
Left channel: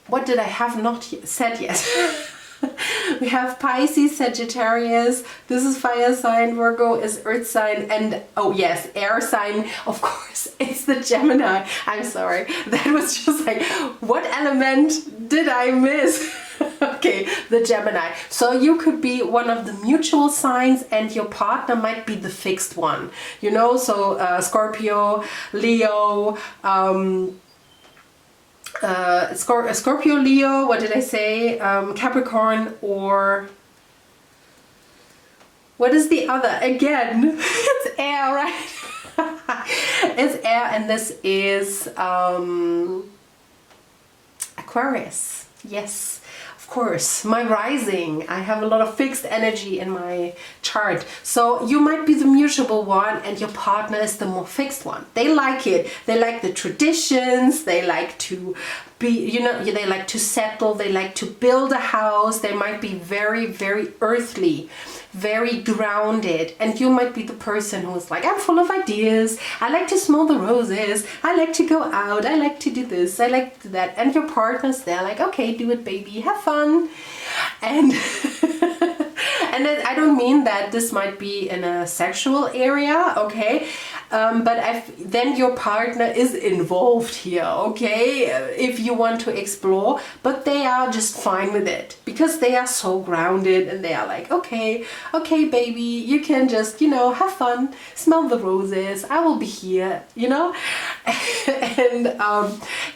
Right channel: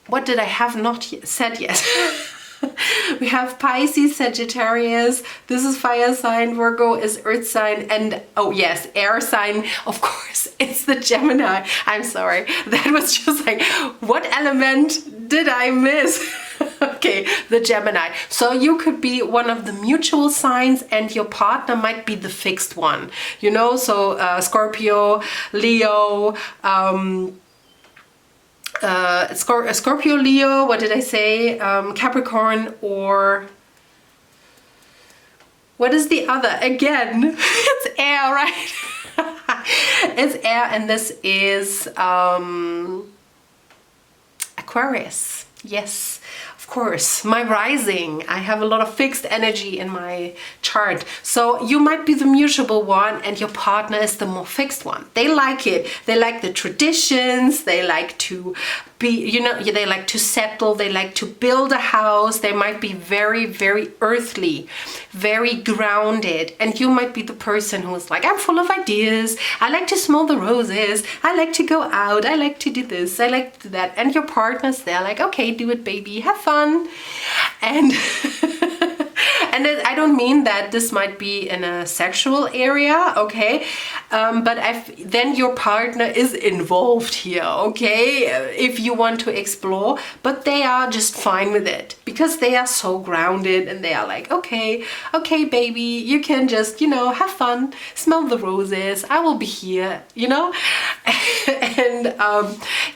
what did I have not said yet? We have Pisces, Sagittarius, this is fire sign, Virgo is earth sign, and oh yes, air sign, of course, it's the Gemini. I'm sorry, that was just like, what element did I miss? Okay, the Gemini. So you could be one of the mutual signs and your partner might be the fixed one, you know, so Scorpio, Leo, Scorpio, Leo, what did I say? Capricorn, or what is the other? Again, it's air, right? It's air, and this is Aquarius. Yes, of course, my rising. I have a lot of fixed energy in my chart. So you might be the mutable one and your partner is the more fixed one. They like it. They like the traditions. They like to be, you know, they like to settle. They like to build a house. They might be very, very earthly, very grounded. And you might be the person who's like, I'm full of ideas. I like to smell the roses. I like to go out. I like to do this. I like to do that. And your partner's there like, okay, do it, baby. Have fun. And and I don't mean that this might be in a sexual area, okay? But then your partner is involved here, okay? If you want to explore, but they are just fine with it because they are so grounded and they are like, okay, baby, you can just, you know, have fun, smell the roses, I will be here, you know? And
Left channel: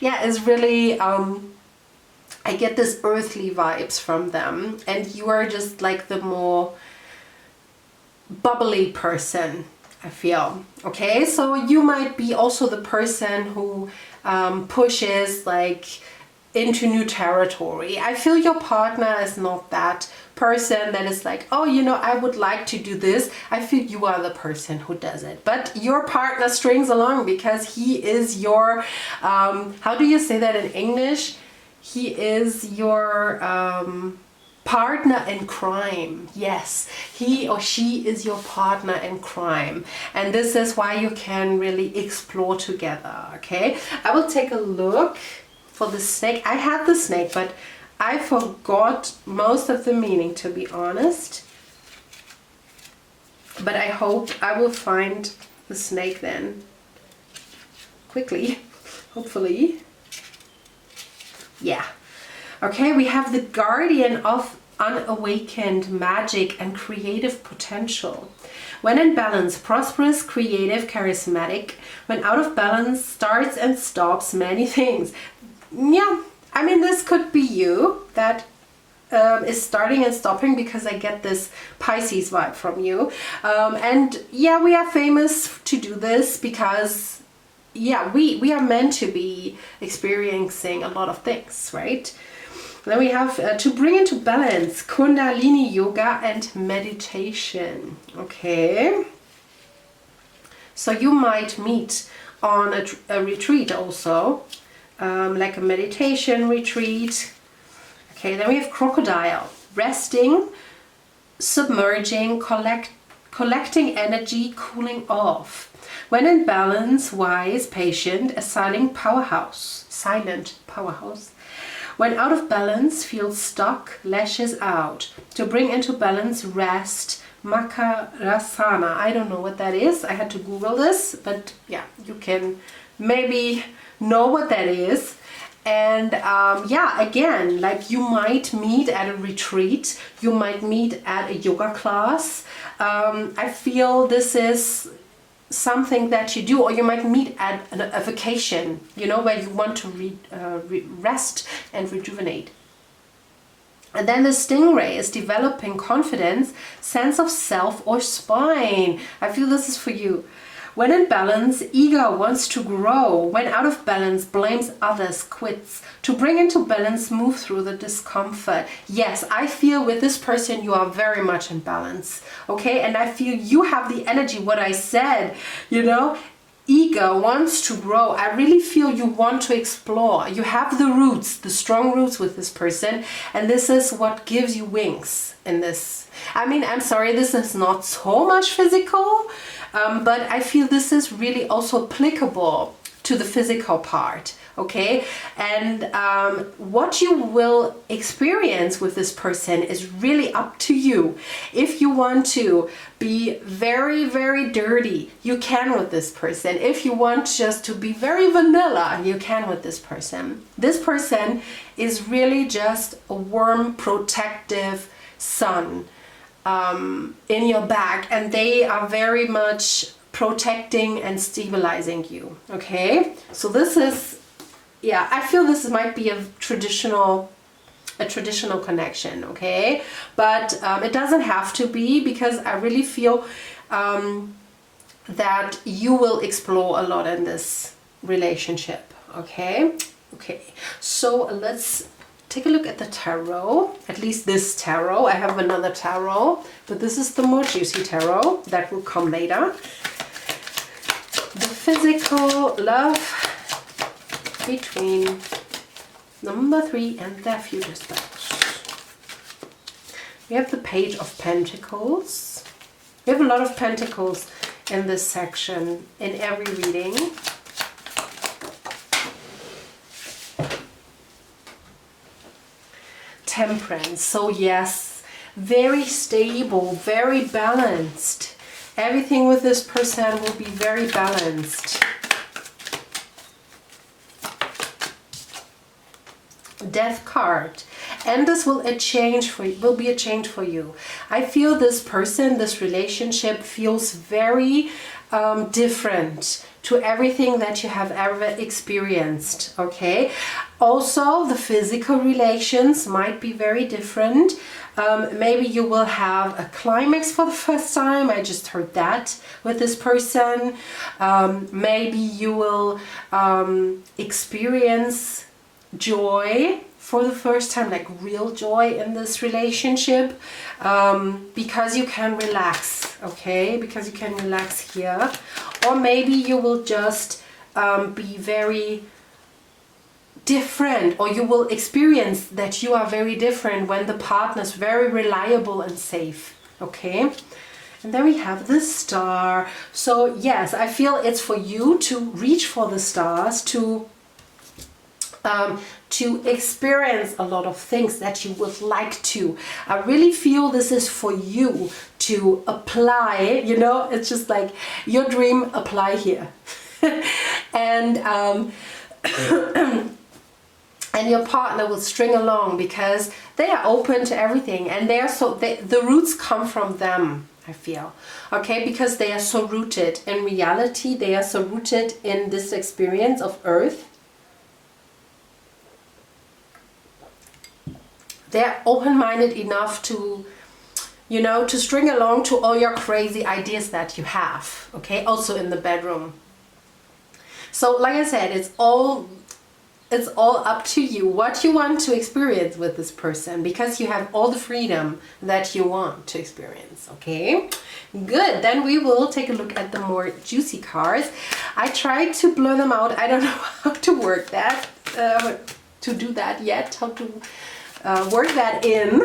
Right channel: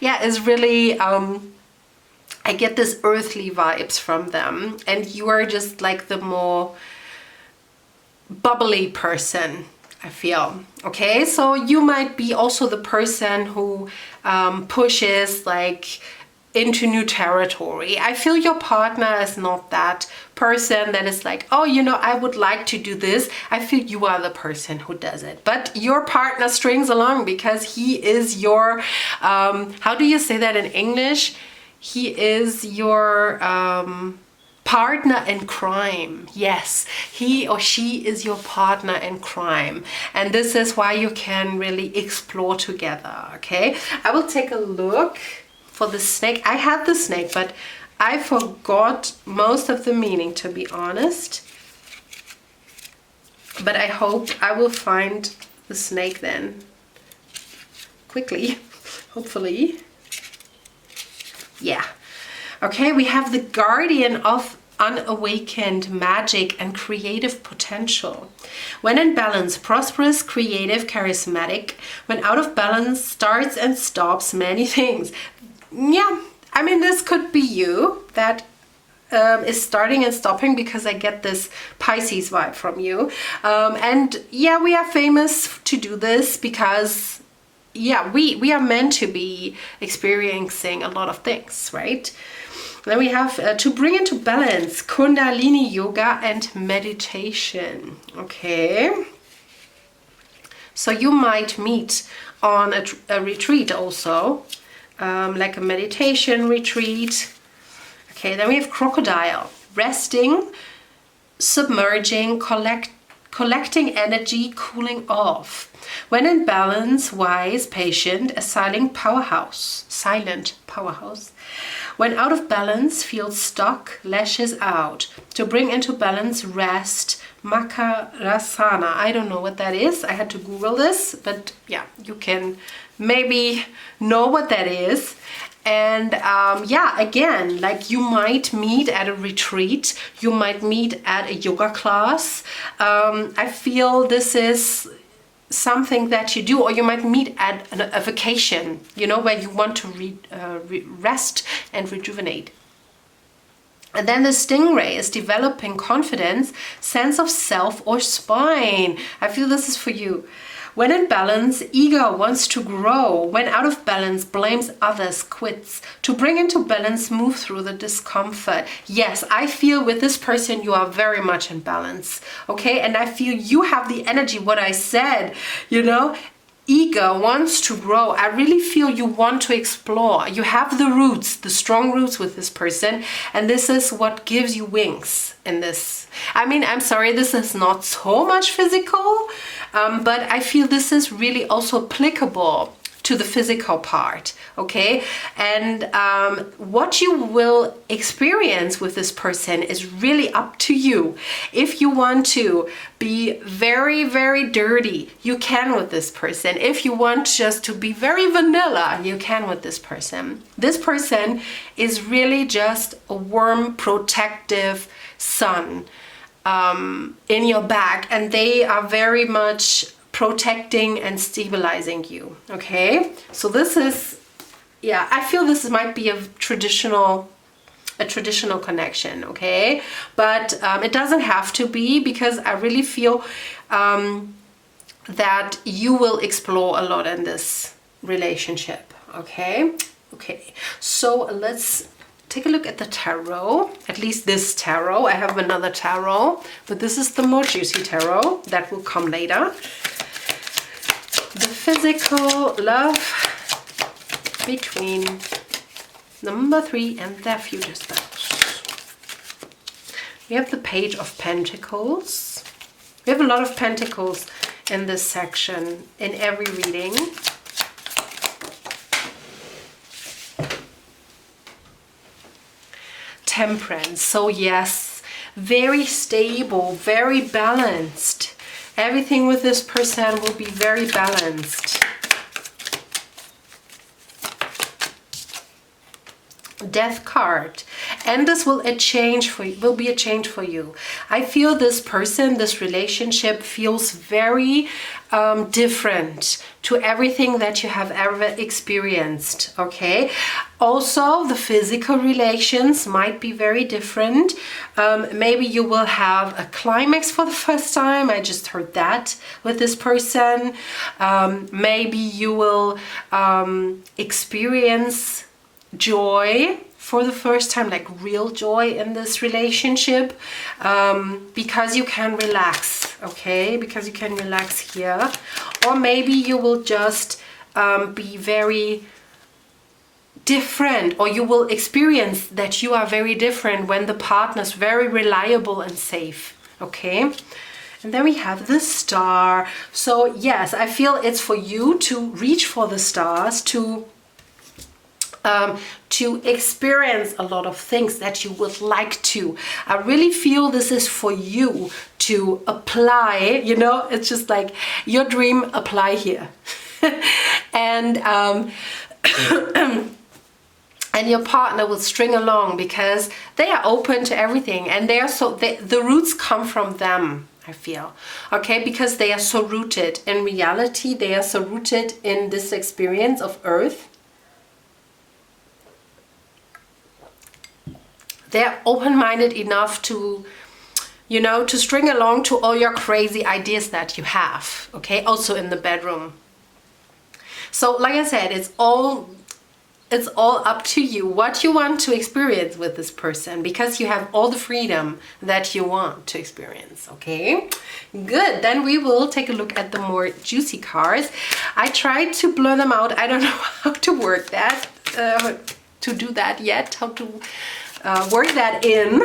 yeah, it's really, I get this earthly vibes from them, and you are just like the more bubbly person, I feel. Okay, so you might be also the person who pushes like into new territory. I feel your partner is not that person that is like, oh, you know, I would like to do this. I feel you are the person who does it, but your partner strings along because he is your, how do you say that in English? He is your partner in crime. Yes, he or she is your partner in crime. And this is why you can really explore together, okay? I will take a look for the snake. I had the snake, but I forgot most of the meaning, to be honest. But I hope I will find the snake then quickly, hopefully. Yeah. Okay, we have the guardian of unawakened magic and creative potential. When in balance, prosperous, creative, charismatic. When out of balance, starts and stops many things. Yeah, I mean, this could be you that is starting and stopping, because I get this Pisces vibe from you. And yeah, we are famous to do this because, yeah, we are meant to be experiencing a lot of things, right? Then we have to bring into balance Kundalini yoga and meditation. Okay. So you might meet on a retreat also, like a meditation retreat. Okay, then we have crocodile, resting, submerging, collecting energy, cooling off. When in balance, wise, patient, a silent powerhouse. When out of balance, feels stuck, lashes out. To bring into balance, rest, Makarasana. I don't know what that is. I had to Google this, but yeah, you can maybe know what that is. And yeah, again, like you might meet at a retreat, you might meet at a yoga class. I feel this is something that you do, or you might meet at a vacation, you know, where you want to rest and rejuvenate. And then the stingray is developing confidence, sense of self, or spine. I feel this is for you. When in balance, ego wants to grow. When out of balance, blames others, quits. To bring into balance, move through the discomfort. Yes, I feel with this person you are very much in balance. Okay, and I feel you have the energy, what I said, you know. Ego wants to grow. I really feel you want to explore. You have the roots, the strong roots with this person, and this is what gives you wings in this. I mean, I'm sorry, this is not so much physical, but I feel this is really also applicable to the physical part, okay? And what you will experience with this person is really up to you. If you want to be very, very dirty, you can with this person. If you want just to be very vanilla, you can with this person. This person is really just a warm, protective sun in your back, and they are very much protecting and stabilizing you. Okay, so this is, yeah, I feel this might be a traditional connection. Okay, but it doesn't have to be, because I really feel that you will explore a lot in this relationship. Okay, so let's take a look at the tarot, at least this tarot. I have another tarot, but this is the more juicy tarot that will come later. The physical love between number 3 and their future spouse. We have the Page of Pentacles. We have a lot of pentacles in this section, in every reading. Temperance. So yes, very stable, very balanced. Everything with this person will be very balanced. Death card. And this will be a change for you. I feel this person, this relationship feels very different to everything that you have ever experienced. Okay. Also, the physical relations might be very different. Maybe you will have a climax for the first time. I just heard that with this person. Maybe you will experience joy for the first time, like real joy in this relationship, because you can relax. Okay, because you can relax here. Or maybe you will just be very different, or you will experience that you are very different when the partner is very reliable and safe. Okay, and then we have the Star. So yes, I feel it's for you to reach for the stars, to to experience a lot of things that you would like to. I really feel this is for you to apply, you know, it's just like your dream, apply here. And and your partner will string along because they are open to everything, and they are the roots come from them, I feel, okay, because they are so rooted in reality, they are so rooted in this experience of Earth. They're open-minded enough to, you know, to string along to all your crazy ideas that you have, okay, also in the bedroom. So like I said, it's all up to you what you want to experience with this person, because you have all the freedom that you want to experience, okay? Good, then we will take a look at the more juicy cards. I tried to blur them out. I don't know how to work that, to do that yet, how to work that in.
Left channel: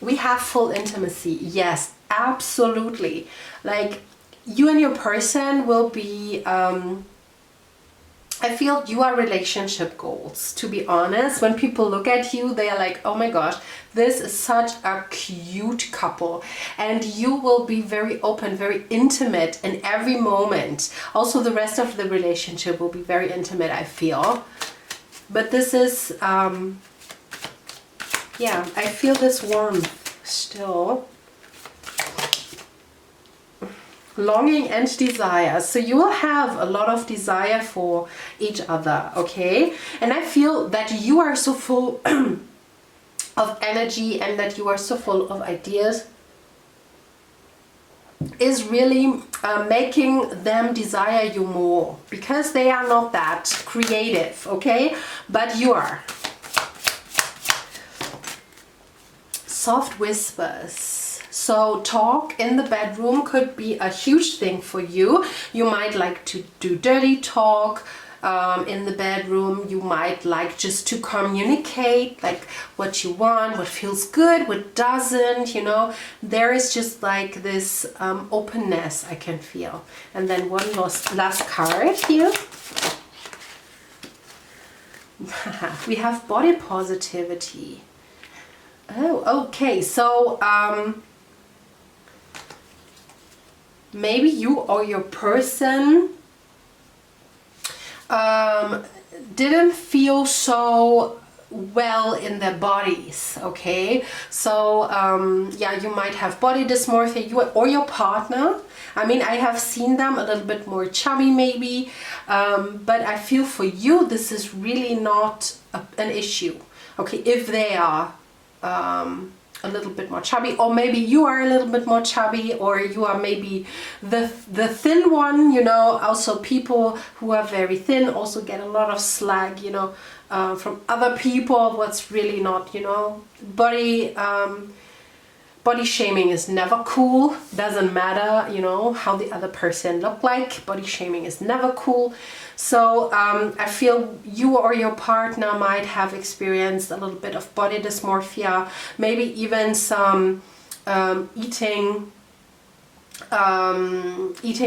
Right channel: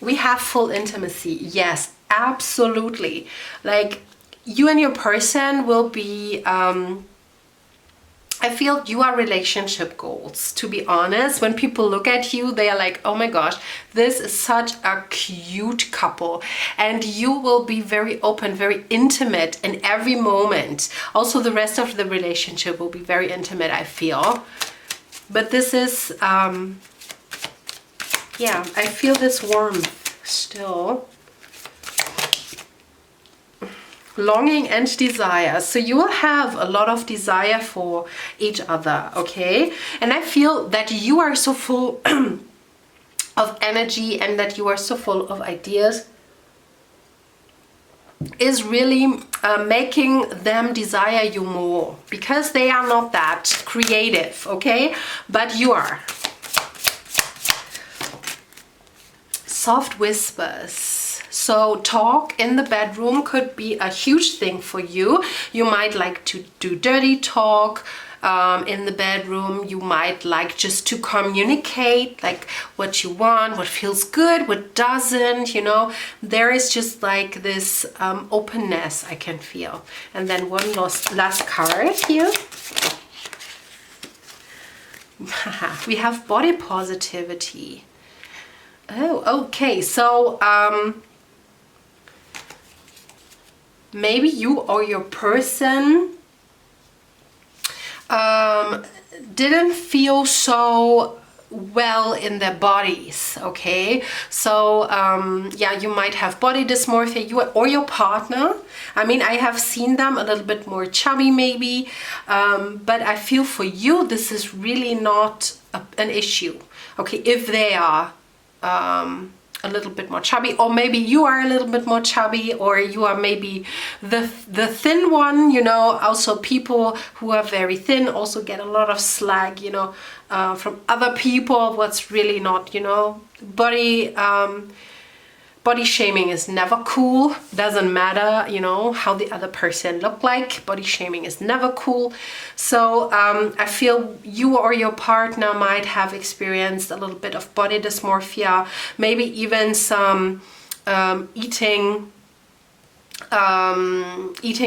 We have full intimacy. Yes, absolutely. Like, you and your person will be, I feel you are relationship goals, to be honest. When people look at you, they are like, oh my gosh, this is such a cute couple. And you will be very open, very intimate in every moment. Also, the rest of the relationship will be very intimate, I feel. But this is, yeah, I feel this warmth still. Longing and desire. So you will have a lot of desire for each other, okay? And I feel that you are so full of energy, and that you are so full of ideas is really making them desire you more, because they are not that creative, okay? But you are. Soft whispers. So talk in the bedroom could be a huge thing for you. You might like to do dirty talk in the bedroom. You might like just to communicate, like what you want, what feels good, what doesn't, you know. There is just like this openness I can feel. And then one last card here. We have body positivity. Oh, okay. So maybe you or your person didn't feel so well in their bodies, okay? So yeah, you might have body dysmorphia, you or your partner. I mean, I have seen them a little bit more chubby maybe, but I feel for you this is really not an issue, okay? If they are a little bit more chubby, or maybe you are a little bit more chubby, or you are maybe the thin one, you know. Also, people who are very thin also get a lot of slag, you know, from other people. What's really not, you know, body shaming is never cool. Doesn't matter, you know, how the other person look like. Body shaming is never cool. So I feel you or your partner might have experienced a little bit of body dysmorphia, maybe even some eating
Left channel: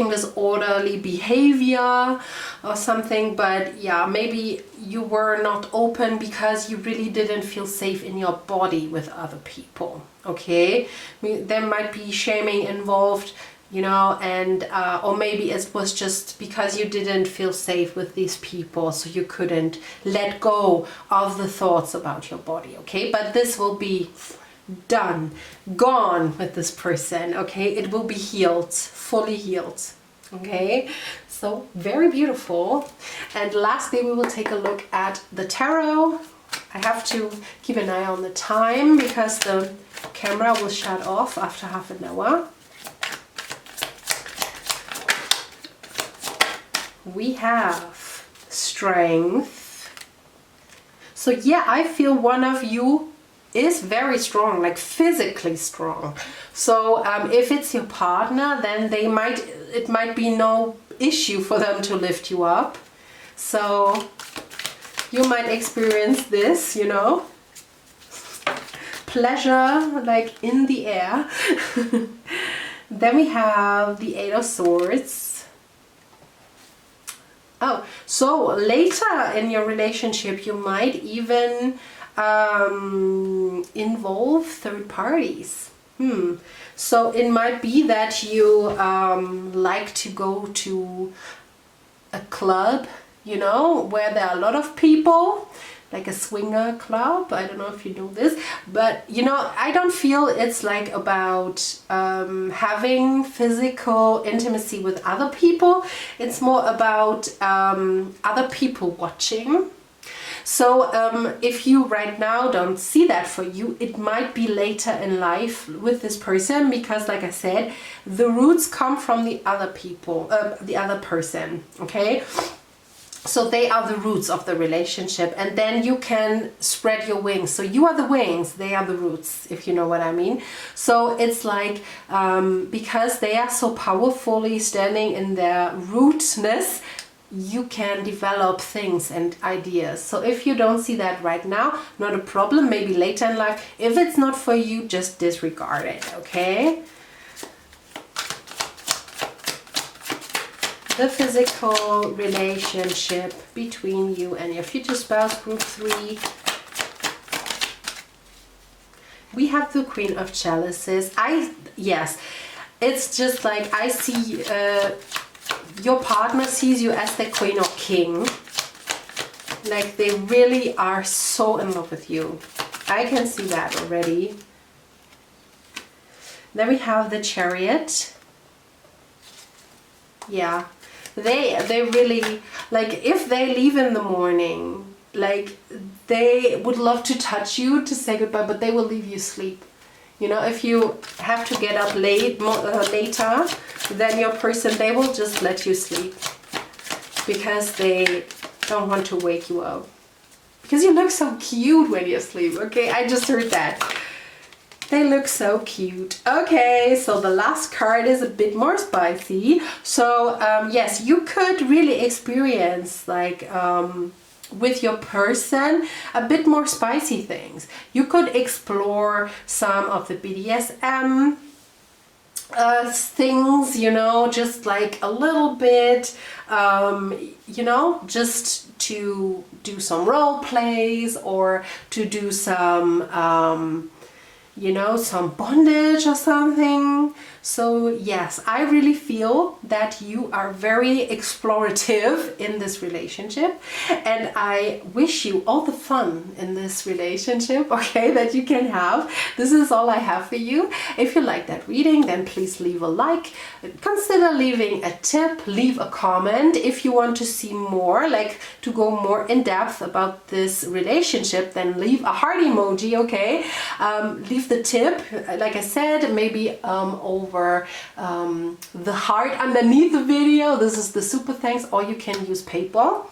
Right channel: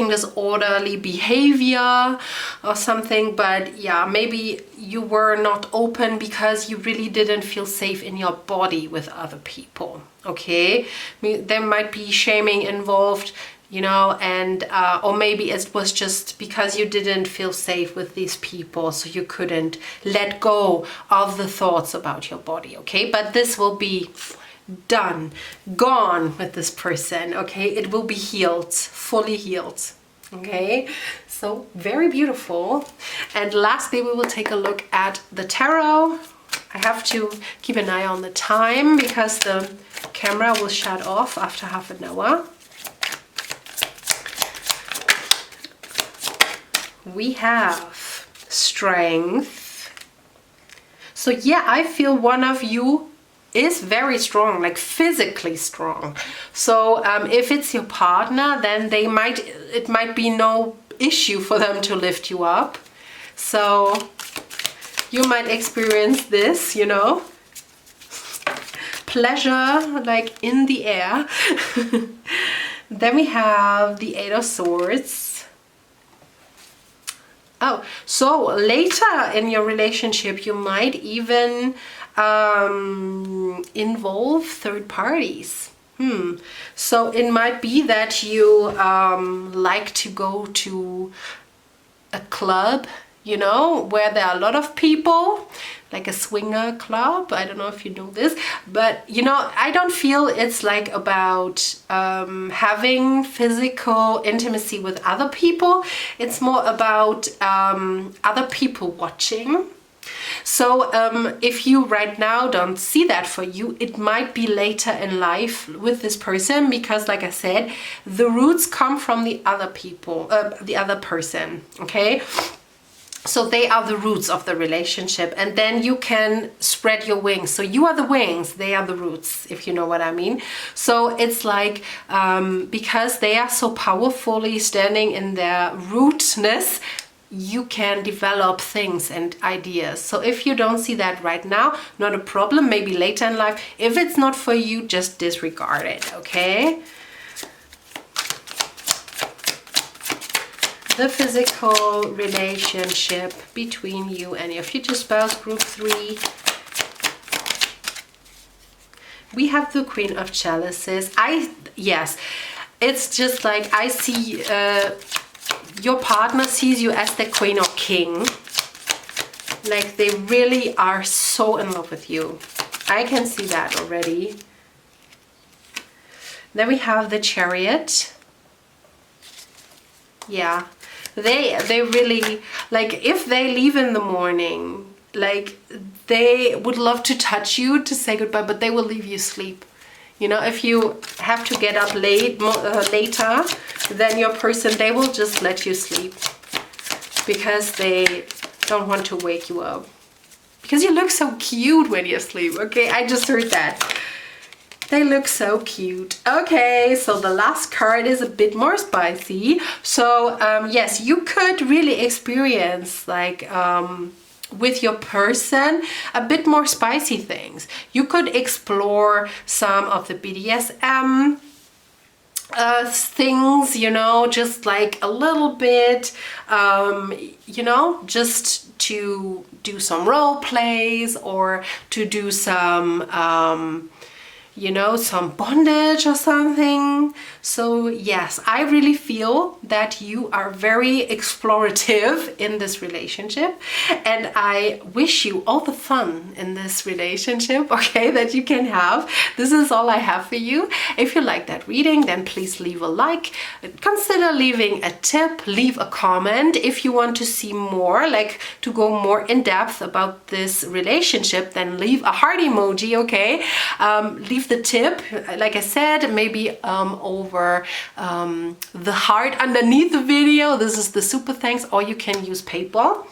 disorderly behavior or something. But yeah, maybe you were not open because you really didn't feel safe in your body with other people, okay? I mean, there might be shaming involved, you know, and or maybe it was just because you didn't feel safe with these people, so you couldn't let go of the thoughts about your body, okay? But this will be done, gone with this person, okay? It will be healed, fully healed, okay? So very beautiful. And lastly, we will take a look at the tarot. I have to keep an eye on the time because the camera will shut off after half an hour. We have strength. So yeah, I feel one of you is very strong, like physically strong. So if it's your partner, then it might be no issue for them to lift you up. So you might experience this, you know, pleasure like in the air. Then we have the 8 of Swords. Oh, so later in your relationship, you might even involve third parties. So it might be that you like to go to a club, you know, where there are a lot of people, like a swinger club. I don't know if you know this, but you know, I don't feel it's like about having physical intimacy with other people. It's more about other people watching. So if you right now don't see that for you, it might be later in life with this person, because like I said, the roots come from the other people, the other person, okay? So they are the roots of the relationship, and then you can spread your wings. So you are the wings, they are the roots, if you know what I mean. So it's like, because they are so powerfully standing in their rootness, you can develop things and ideas. So if you don't see that right now, not a problem, maybe later in life. If it's not for you, just disregard it, okay? The physical relationship between you and your future spouse, group 3. We have the Queen of Chalices. Yes, it's just like I see your partner sees you as the queen or king. Like they really are so in love with you. I can see that already. Then we have the Chariot. Yeah, they really, like if they leave in the morning, like they would love to touch you to say goodbye, but they will leave you asleep. You know, if you have to get up later than your person, they will just let you sleep because they don't want to wake you up. Because you look so cute when you sleep, okay? I just heard that. They look so cute. Okay, so the last card is a bit more spicy. So, yes, you could really experience like with your person a bit more spicy things. You could explore some of the BDSM things, you know, just like a little bit, you know, just to do some role plays or to do some you know, some bondage or something. So yes, I really feel that you are very explorative in this relationship, and I wish you all the fun in this relationship, okay, that you can have. This is all I have for you. If you like that reading, then please leave a like, consider leaving a tip, leave a comment. If you want to see more, like to go more in depth about this relationship, then leave a heart emoji, okay? Leave the tip, like I said, maybe over the heart underneath the video. This is the super thanks, or you can use PayPal.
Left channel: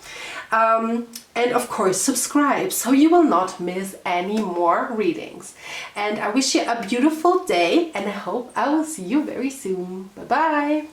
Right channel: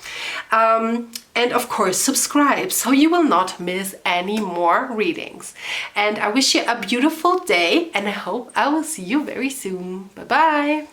And of course, subscribe so you will not miss any more readings. And I wish you a beautiful day, and I hope I will see you very soon. Bye bye.